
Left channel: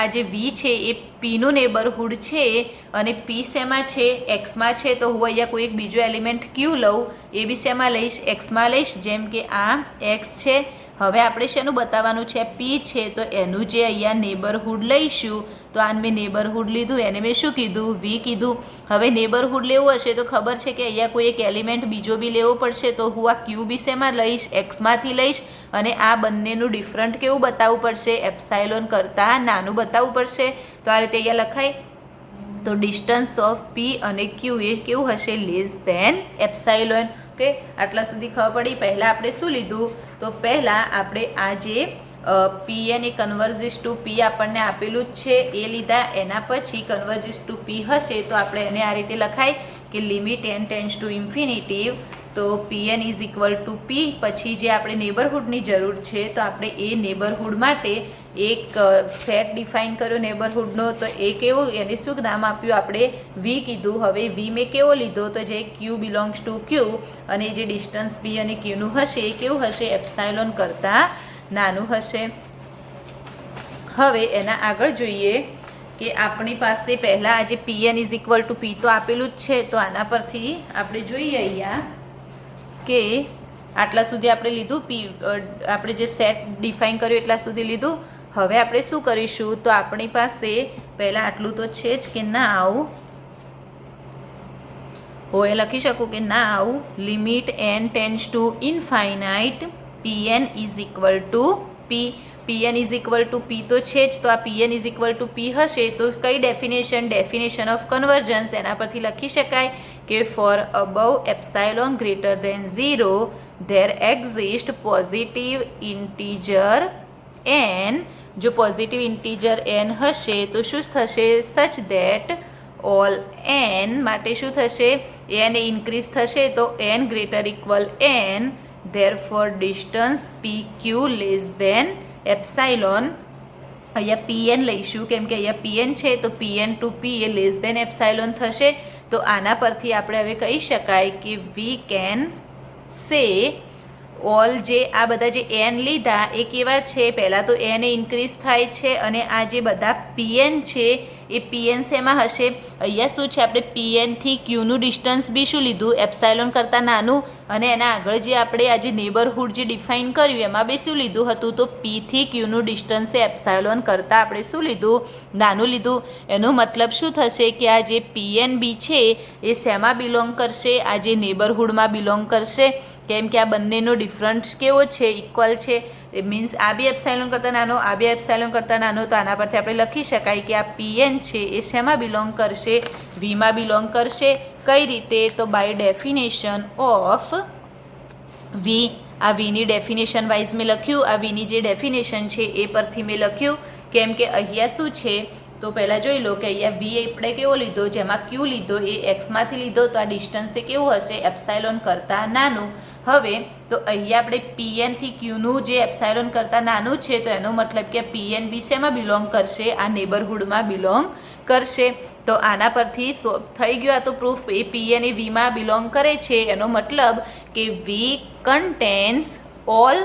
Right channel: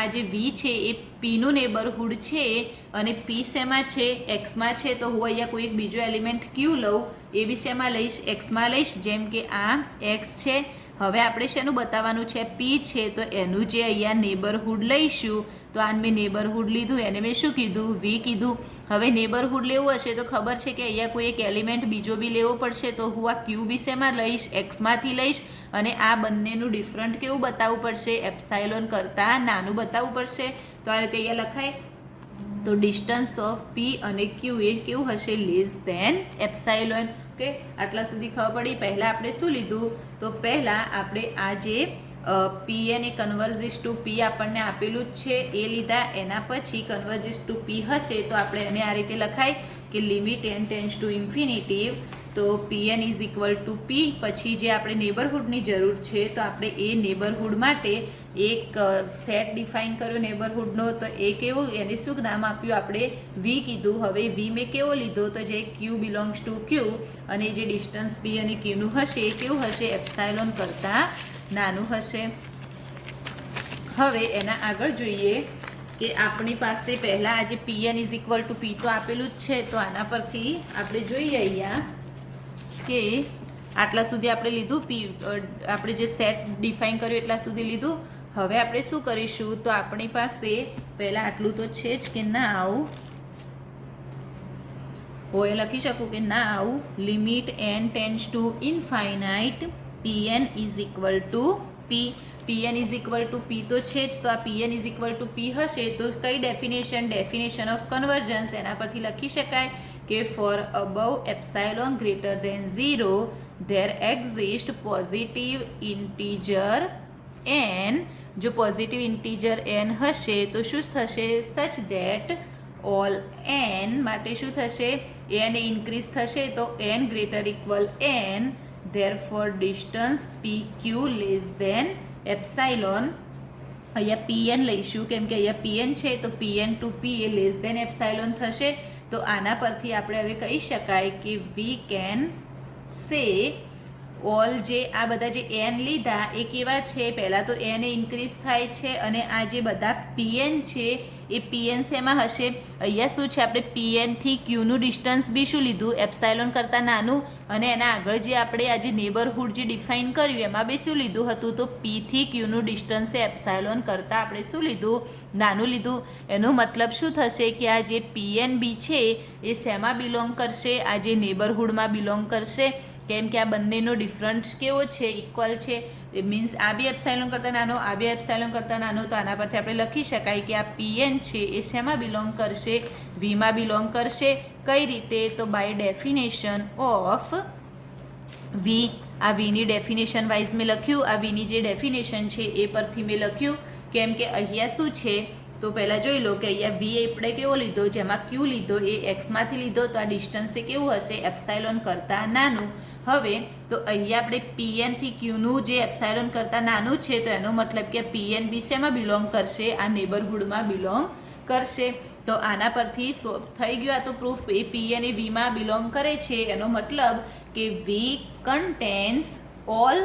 આ જે વી છે એ પીનું નેબરહુડ છે અને પી શેમાં છે? એક્સમાં છે. તો હું અહીંયા કોઈ એક બીજો એલિમેન્ટ ક્યુ લઉં, એ બી શેમાં લઈશ? એક્સમાં લઈશ. જેમ કે આ એક્સ છે. હવે આપણે શેનું બતાવવાનું છે? પી છે. તો એનું જે અહીંયા નેબરહુડ લઈશું. તો આ મેં નેબરહુડ લીધું, એને મેં શું કીધું? વી કીધું. હવે નેબરહુડ લેવું હશે તો ખબર છે કે અહીંયા કોઈ એક એલિમેન્ટ બીજો બી લેવો પડશે. તો હું આ ક્યુ બી શેમાં લઈશ? એક્સમાંથી લઈશ. અને આ બંનેનું ડિફરન્ટ કેવું બતાવવું પડશે? એપ્સાઇલોન કરતાં નાનું બતાવવું પડશે. તો આ રીતે અહીંયા લખાય. તો ડિસ્ટન્સ ઓફ પી અને ક્યુ એ કેવું હશે? Less than epsilon. ઓકે, આટલા સુધી ખબર પડી. પહેલાં આપણે શું લીધું? તો પહેલાં આપણે આ જે પીએન એ કન્વર્જિસ ટુ પી આપણને આપેલું જ છે એ લીધા. એના પછી કન્વર્જિસ ટુ પી હશે તો આપણે એને આ રીતે લખાય કે limit n tends to infinity. તો પીએન ઇઝ ઇક્વલ ટુ પી. પછી જે આપણે નેબરહુડની જરૂર છે તો આપણે એ નેબરહુડ માટે એક સેટ ડિફાઇન કર્યો નેબરહુડનો. તો એ કેવો? એને શું નામ આપ્યું? આપણે વી કીધું. હવે વી મેં કેવો લીધો? તો જે ક્યુ બિલોંગ્સ ટુ ક્યુ અને જે ડિસ્ટન્સ પી અને ક્યુનું હશે એ કેવું હશે? એપ્સાઇલોન કરતાં નાનું હશે. હવે એના આગળ જોઈએ કે આપણી પાસે પહેલાં આજે PN is equal to P તો આપેલું જ છે. તો આના પરથી આપણે જોઈએ અહીંયા કે આટલા સુધી આપણે લીધું. આપણે જે સેટ ડિફાઇન કર્યું એટલા સુધી લીધું. હવે આપણે શું કરીશું? તો આપણી પાસે પહેલાં આટલું તો છે જ કે ના આવું હું એ લખી શકું કે ના આવું limit n tends to infinite P N is equal to P. P N is equal to P તો છે જ. તો આ P N is equal to P હશે તો કઈ ડેફિનેશન ઓફ કન્વર્જન્સ એના પરથી લખી શકાય કે for above epsilon greater than 0 there exist positive integer n. જો પોઝિટિવ ઇન્ટીજર n હશે તો શું થશે? સચ ધેટ ઓલ n માટે શું થશે? n ઇન્ક્રીઝ થશે તો n greater equal n. therefore distance pq less than epsilon. અહીંયા pn લઈશું કેમ કે અહીંયા pn છે તો pn ટુ p એ લેસ દેન એપ્સાઇલોન થશે. તો આના પરથી આપણે હવે કહી શકાય કે વી કેન સે ઓલ જે આ બધા જે એન લીધા એ કેવા છે, પહેલાં તો એન ઇન્ક્રીઝ થાય છે અને આ જે બધા પીએન છે એ પીએન શેમાં હશે, અહીંયા શું છે આપણે પીએનથી ક્યુનું ડિસ્ટન્સ બી શું લીધું, એપ્સાયલોન કરતાં નાનું, અને એના આગળ જે આપણે આજે નેબરહુડ જે ડિફાઇન કર્યું એમાં બી શું લીધું હતું, તો પીથી ક્યુનું ડિસ્ટન્સ એ એપ્સાયલોન કરતાં આપણે શું લીધું, નાનું લીધું. એનો મતલબ શું થશે કે આ જે પીએન બી છે એ શેમાં બિલોંગ કરશે, આ જે નેબરહુડમાં બિલોંગ કરશે, કેમ કે આ બંનેનો ડિફરન્સ કેવો છે, ઇક્વલ છે. એ મીન્સ આ બી એપ્સાયલોન કરતાં નાનો, આ બી એપ્સાયલોન કરતાં નાનો, તો આના પરથી આપણે લખી શકાય કે આ પીએન છે એ શેમાં બિલોંગ કરશે, વીમાં બિલોંગ કરશે. કઈ રીતે, તો બાય ડેફિનેશન ઓફ વી. આ વીની ડેફિનેશન વાઇઝ મેં લખ્યું, આ વીની જે ડેફિનેશન છે એ પરથી મેં લખ્યું, કેમ કે અહીંયા શું છે, તો પહેલાં જોઈ લો કે અહીંયા વી આપણે કેવો લીધો, જેમાં ક્યુ લીધો એ એક્સમાંથી લીધો, તો આ ડિસ્ટન્સ એ કેવું હશે, એપ્સાયલોન કરતાં નાનું. હવે તો અહીંયા આપણે પીએનથી ક્યુનું જે એપ્સાયલોન કરતાં નાનું છે, તો એનો મતલબ કે પીએન બી શેમાં બિલોંગ કરશે, આ નેબરહુડમાં બિલોંગ કરશે. તો આના પરથી થઈ ગયું આ તો પ્રૂફ, એ પીએન એ વીમાં બિલોંગ કરે છે. એનો મતલબ કે વી કન્ટેન્સ ઓલ,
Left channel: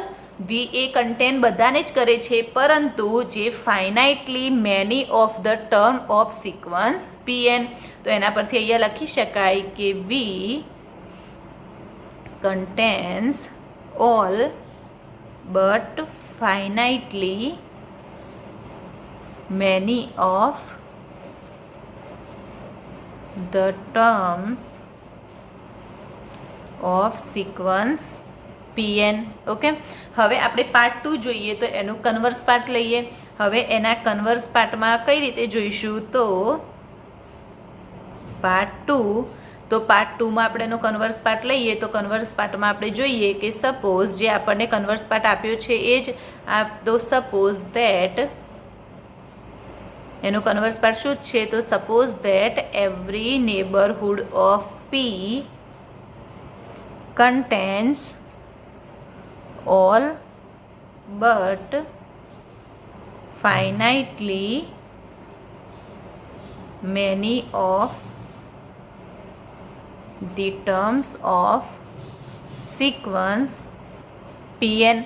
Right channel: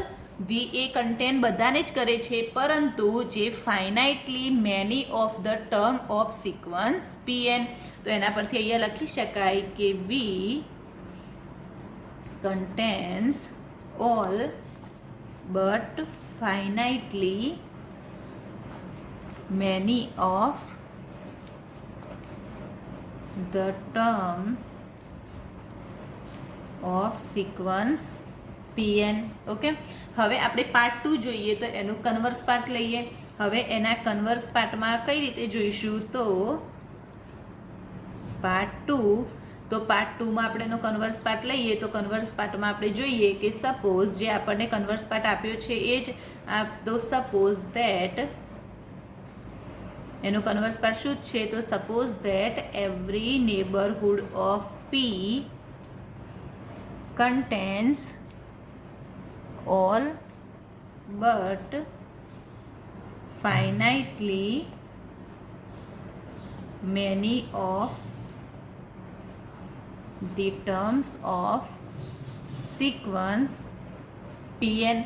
વી એ કન્ટેન બધાને જ કરે છે, પરંતુ જે finitely many of the term of sequence P N. તો એના પરથી અહીંયા લખી શકાય કે V contains all but finitely many of the terms of sequence pn. Okay, હવે આપણે પાર્ટ 2 જોઈએ, તો એનું કન્વર્સ પાર્ટ લઈએ. હવે એના કન્વર્સ પાર્ટમાં કઈ રીતે જોઈશું, તો પાર્ટ 2, તો પાર્ટ 2માં આપણે એનો કન્વર્સ પાર્ટ લઈએ. તો કન્વર્સ પાર્ટમાં આપણે જોઈએ કે સપોઝ જે આપણને કન્વર્સ પાર્ટ આપ્યો છે એ જ તો સપોઝ ધેટ એનો કન્વર્સ પાર્ટ શું છે, તો suppose that every neighbourhood of P contains all but finitely many of the terms of sequence pn.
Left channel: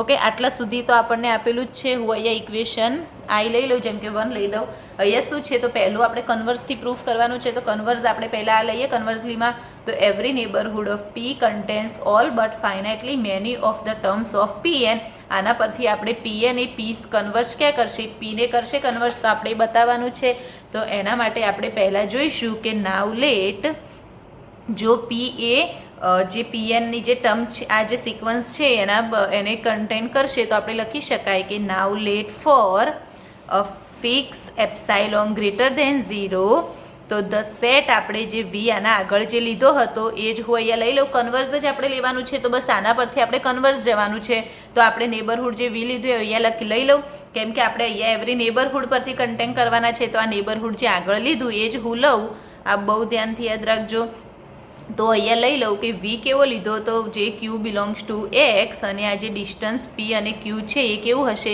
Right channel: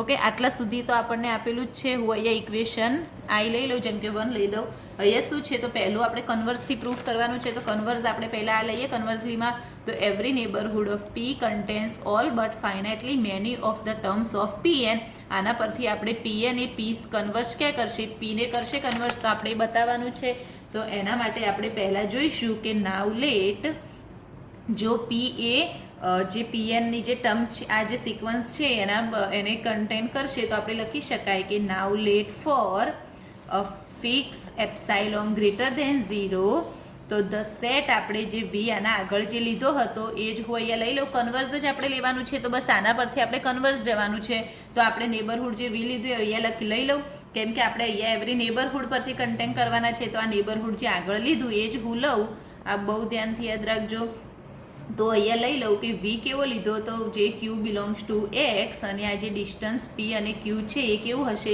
Okay, આટલા સુધી તો આપણને આપેલું જ છે. હું અહીંયા ઇક્વેશન આઈ લઈ લઉં, જેમ કે 1 લઈ લઉં. અહીંયા શું છે, તો પહેલું આપણે કન્વર્સથી પ્રૂફ કરવાનું છે. તો કન્વર્સ આપણે પહેલાં આ લઈએ કન્વર્સલીમાં. તો every neighbourhood of P contains all but finitely many of the terms of P N. આના પરથી આપણે પીએન એ પી કન્વર્સ ક્યાં કરશે, પીને કરશે કન્વર્સ, તો આપણે બતાવવાનું છે. તો એના માટે આપણે પહેલાં જોઈશું કે નાવ લેટ, જો પી એ જે પીએનની જે ટર્મ છે, આ જે સિક્વન્સ છે એને કન્ટેન કરશે, તો આપણે લખી શકાય કે now let for a fix epsilon greater than 0, તો ધ સેટ આપણે જે વી આના આગળ જે લીધો હતો એ જ હું અહીંયા લઈ લઉં. કન્વર્સ જ આપણે લેવાનું છે, તો બસ આના પરથી આપણે કન્વર્સ જવાનું છે. તો આપણે નેબરહુડ જે વી લીધું એ અહીંયા લઈ લઉં, કેમ કે આપણે અહીંયા એવરી નેબરહુડ પરથી કન્ટેન કરવાના છે. તો આ નેબરહુડ જે આગળ લીધું એ જ હું લઉં. આ બહુ ધ્યાનથી યાદ રાખજો. તો અહીંયા લઈ લઉં કે વી કેવો લીધો, તો જે ક્યુ બિલોંગ્સ ટુ એક્સ, અને આ જે ડિસ્ટન્સ પી અને ક્યુ છે એ કેવું હશે,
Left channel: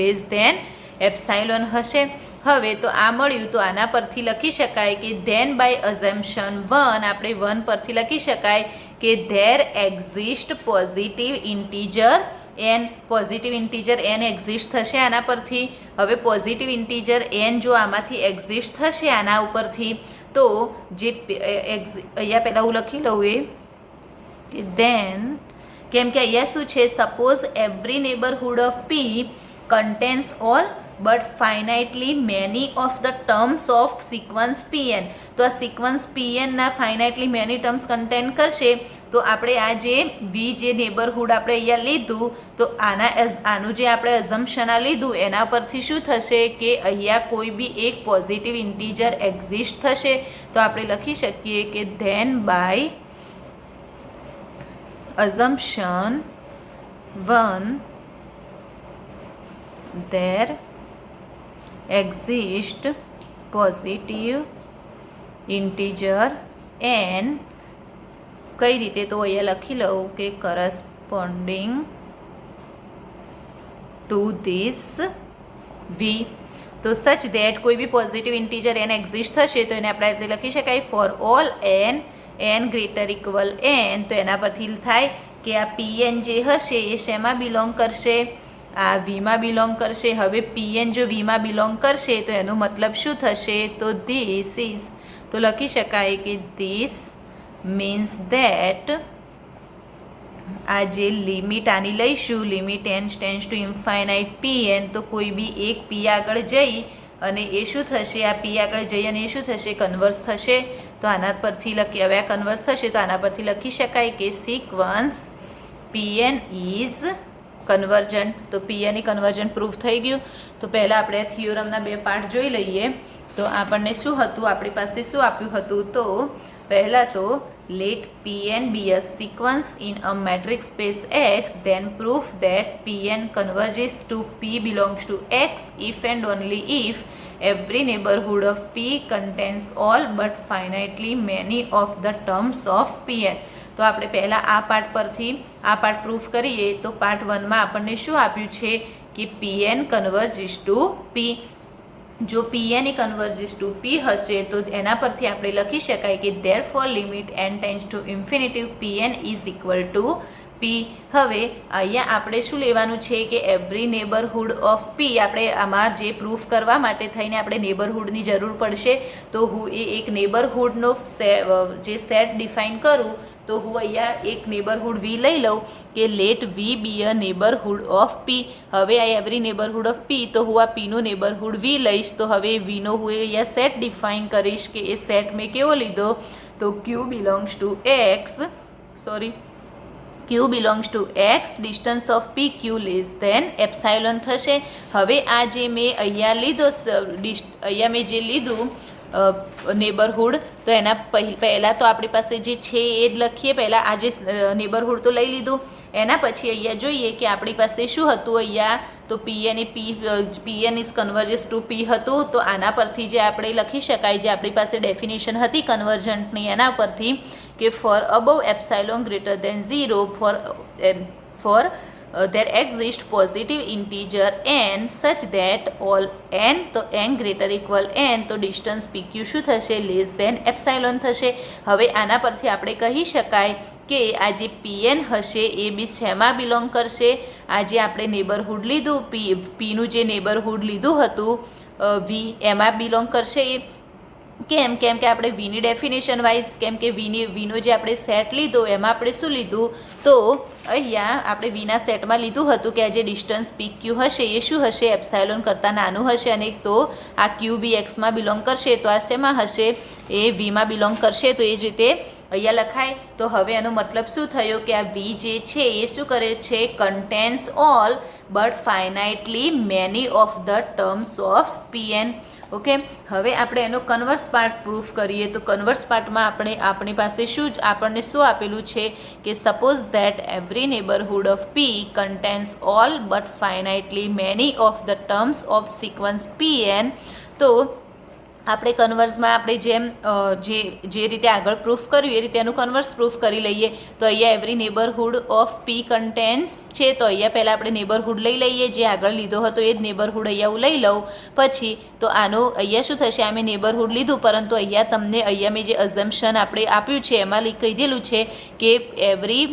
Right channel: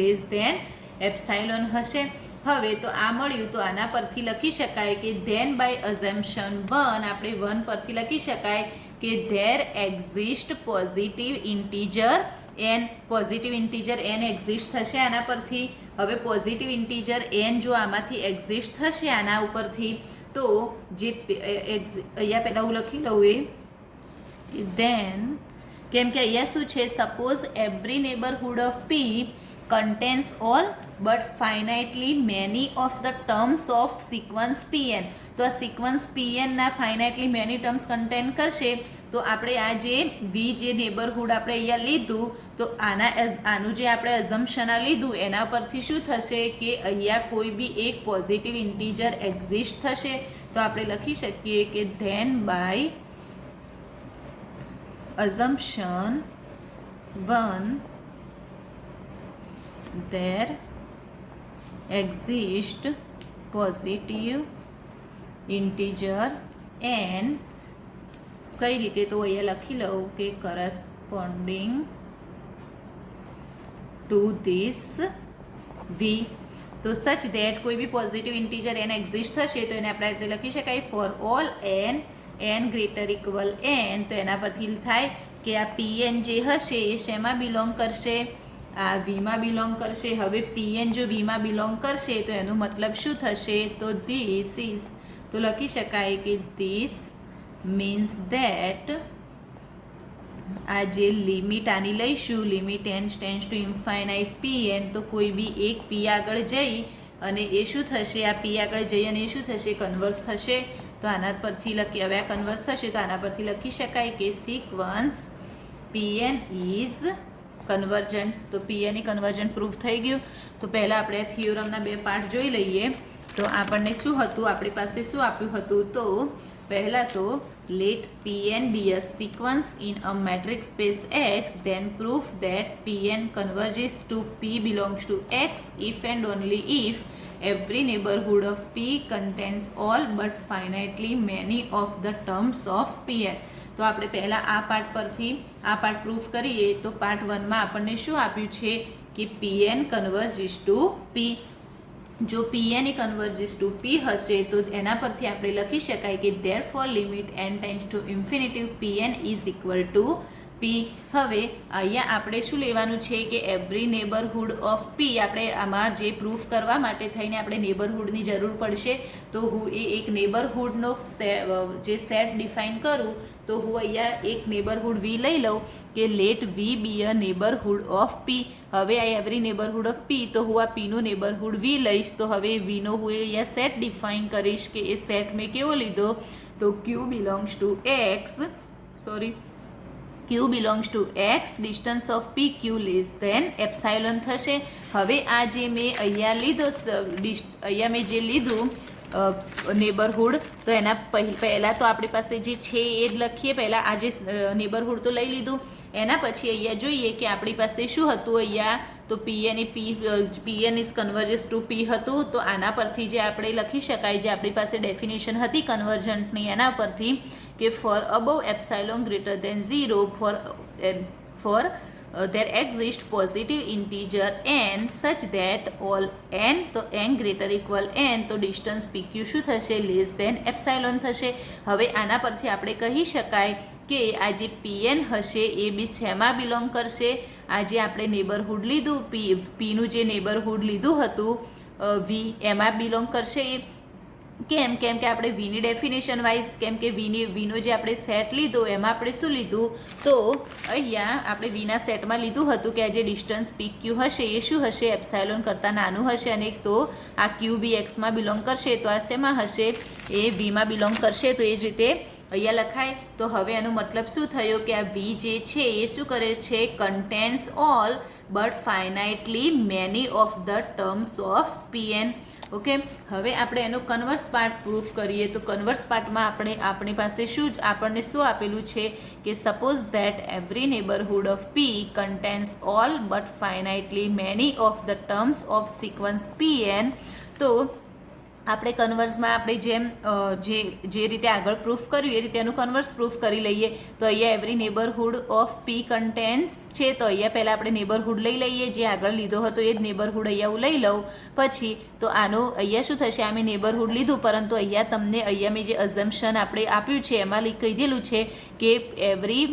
લેસ ધેન એપ્સાયલોન હશે. હવે તો આ મળ્યું, તો આના પરથી લખી શકાય કે ધેન બાય અઝમ્પશન 1, આપણે 1 પરથી લખી શકાય કે there exist positive integer N. Positive integer N exist થશે આના પરથી. હવે પોઝિટિવ ઇન્ટીજર એન જો આમાંથી એક્ઝિસ્ટ થશે આના ઉપરથી, તો જે અહીંયા પહેલાં હું લખી લઉં એ કે ધેન, કેમ કે અહીંયા શું છે, suppose every neighbourhood of P contains all but finitely many of the terms of sequence P N. તો આ સિક્વન્સ પીએનના ફાઇનાઇટલી મેની ટર્મ્સ કન્ટેન કરશે. તો આપણે આ જે વી જે નેબરહુડ આપણે અહીંયા લીધું, તો આનું જે આપણે અઝમ્પશન આ લીધું એના પરથી શું થશે કે અહીંયા કોઈ બી એક પોઝિટિવ ઇન્ટીજર એક્ઝિસ્ટ થશે. તો આપણે લખી શકીએ કે than by assumption 1 there exist positive integer n. કઈ રીતે, તો અહીંયા લખી લઉં કે corresponding to this v. તો સચ ધેટ કોઈ B positive integer n exist થશે, તો એને આપણે આ રીતે લખી શકાય for all n greater equal n. તો એના પરથી થાય કે આ પીએન જે હશે એ શેમાં બિલોંગ કરશે, આ વીમાં બિલોંગ કરશે. હવે પીએન જો વીમાં બિલોંગ કરશે તો એનો મતલબ શું થશે, તો ધીસ ઇઝ, તો લખી શકાય કે ધીસ મીન્સ ધેટ, આ જે લિમિટ આની લઈશું, limit n tends to infinite pn, તો કોઈ બી એક p આગળ જઈ અને એ શું થશે, આ p આગળ જઈ અને એ શું થશે, કન્વર્સ થશે. તો આના પરથી લખી, હવે આ કન્વર્સ થશે તો આના પરથી લખી શકાય કે સિક્વન્સ pn ઇઝ કન્વર્જન્ટ. તો pn એ કન્વર્જન્ટ પ્રૂફ થઈ ગયું. તો પહેલાં આપણે થિયોરમના બે પાર્ટ જોઈ લઈએ. તો આપણને શું હતું, આપણી પાસે શું આપ્યું હતું, તો પહેલાં તો let pn be a sequence in a matrix space X, then proof that pn converges to p belongs to X if and only if every neighborhood of p contains all but finitely many of the terms of pn. તો આપણે પહેલાં આ part પરથી આ part proof કરીએ. તો part 1માં આપણને શું આપ્યું છે કે pn કન્વર્જિસ ટુ p. જો pn એ કન્વર્જિસ ટુ p હશે તો એના પરથી આપણે લખી શકાય કે therefore limit n tends to infinity pn is equal two p. હવે અહીંયા આપણે શું લેવાનું છે કે એવરી નેબરહુડ ઓફ p, આપણે આમાં જે પ્રૂફ કરવા માટે થઈને આપણે નેબરહુડની જરૂર પડશે. તો હું એક નેબરહુડનો જે સેટ ડિફાઇન કરું, તો હું અહીંયા એક નેબરહુડ વી લઈ લઉં કે let V be a neighbourhood of P. હવે આ એવરી નેબરહુડ ઓફ પી, તો હું આ પીનું નેબરહુડ વી લઈશ. તો હવે વીનો હું અહીંયા સેટ ડિફાઇન કરીશ કે એ સેટ મેં કેવો લીધો, તો Q belongs to X, Q belongs to X, distance of P Q less than epsilon થશે. હવે આ જે મેં અહીંયા લીધો, અહીંયા મેં જે લીધું નેબરહુડ, તો એના પહેલાં તો આપણી પાસે જે છે એ જ લખીએ. પહેલાં આ જે નેબરહુડ તો લઈ લીધું, એના પછી અહીંયા જોઈએ કે આપણી પાસે શું હતું. અહીંયા તો pn ઇઝ કન્વર્જિસ ટુ p હતું. તો આના પરથી જે આપણે લખી શકાય, જે આપણી પાસે ડેફિનેશન હતી કન્વર્જન્ટની, એના પરથી કે for above epsilon greater than 0 for there exists positive integer n such that all n, તો n greater equal n, તો distance pq શું થશે, લેસ દેન એપ્સાઇલોન થશે. હવે આના પરથી આપણે કહી શકાય કે આ જે pn હશે એ બી શેમાં બિલોંગ કરશે, આ જે આપણે નેબરહુડ લીધું પીનું જે નેબરહુડ લીધું હતું વી, એમાં બિલોંગ કરશે. કેમ કે આપણે વીની ડેફિનેશન વાઇઝ, કેમ કે વીનો જે આપણે સેટ લીધો એમાં આપણે શું લીધું, તો અહીંયા આપણે વીના સેટમાં લીધું હતું કે આ જે ડિસ્ટન્સ પી ક્યુ હશે એ શું હશે, એપ્સાઇલોન કરતાં નાનું હશે. અને તો આ ક્યુ બી એક્સમાં બિલોંગ કરશે, તો આ શેમાં હશે, એ વીમાં બિલોંગ કરશે. તો એ જ રીતે અહીંયા લખાય. તો હવે એનો મતલબ શું થયો કે આ વી જે છે એ શું કરે છે, contains all but finitely many of the terms of pn. Okay, હવે આપણે એનો કન્વર્સ પાર્ટ પ્રૂફ કરીએ. તો કન્વર્સ પાર્ટમાં આપણી પાસે આપણને શું આપેલું છે કે suppose that every neighbourhood of P contains all but finitely many of the terms of sequence pn. તો આપણે કન્વર્સમાં આપણે જે રીતે આગળ પ્રૂફ કર્યું એ રીતે એનું કન્વર્સ પ્રૂફ કરી લઈએ. તો અહીંયા every neighbourhood of P contains છે, તો અહીંયા પહેલાં આપણે નેબરહુડ લઈ લઈએ, જે આગળ લીધો હતો એ જ નેબરહુડ અહીંયા હું લઈ લઉં. પછી તો આનું અહીંયા શું થશે, આ મેં નેબરહુડ લીધું, પરંતુ અહીંયા મેં જે અઝમ્પશન આપણે આપ્યું છે એમાં કહી દીધેલું છે કે એવરી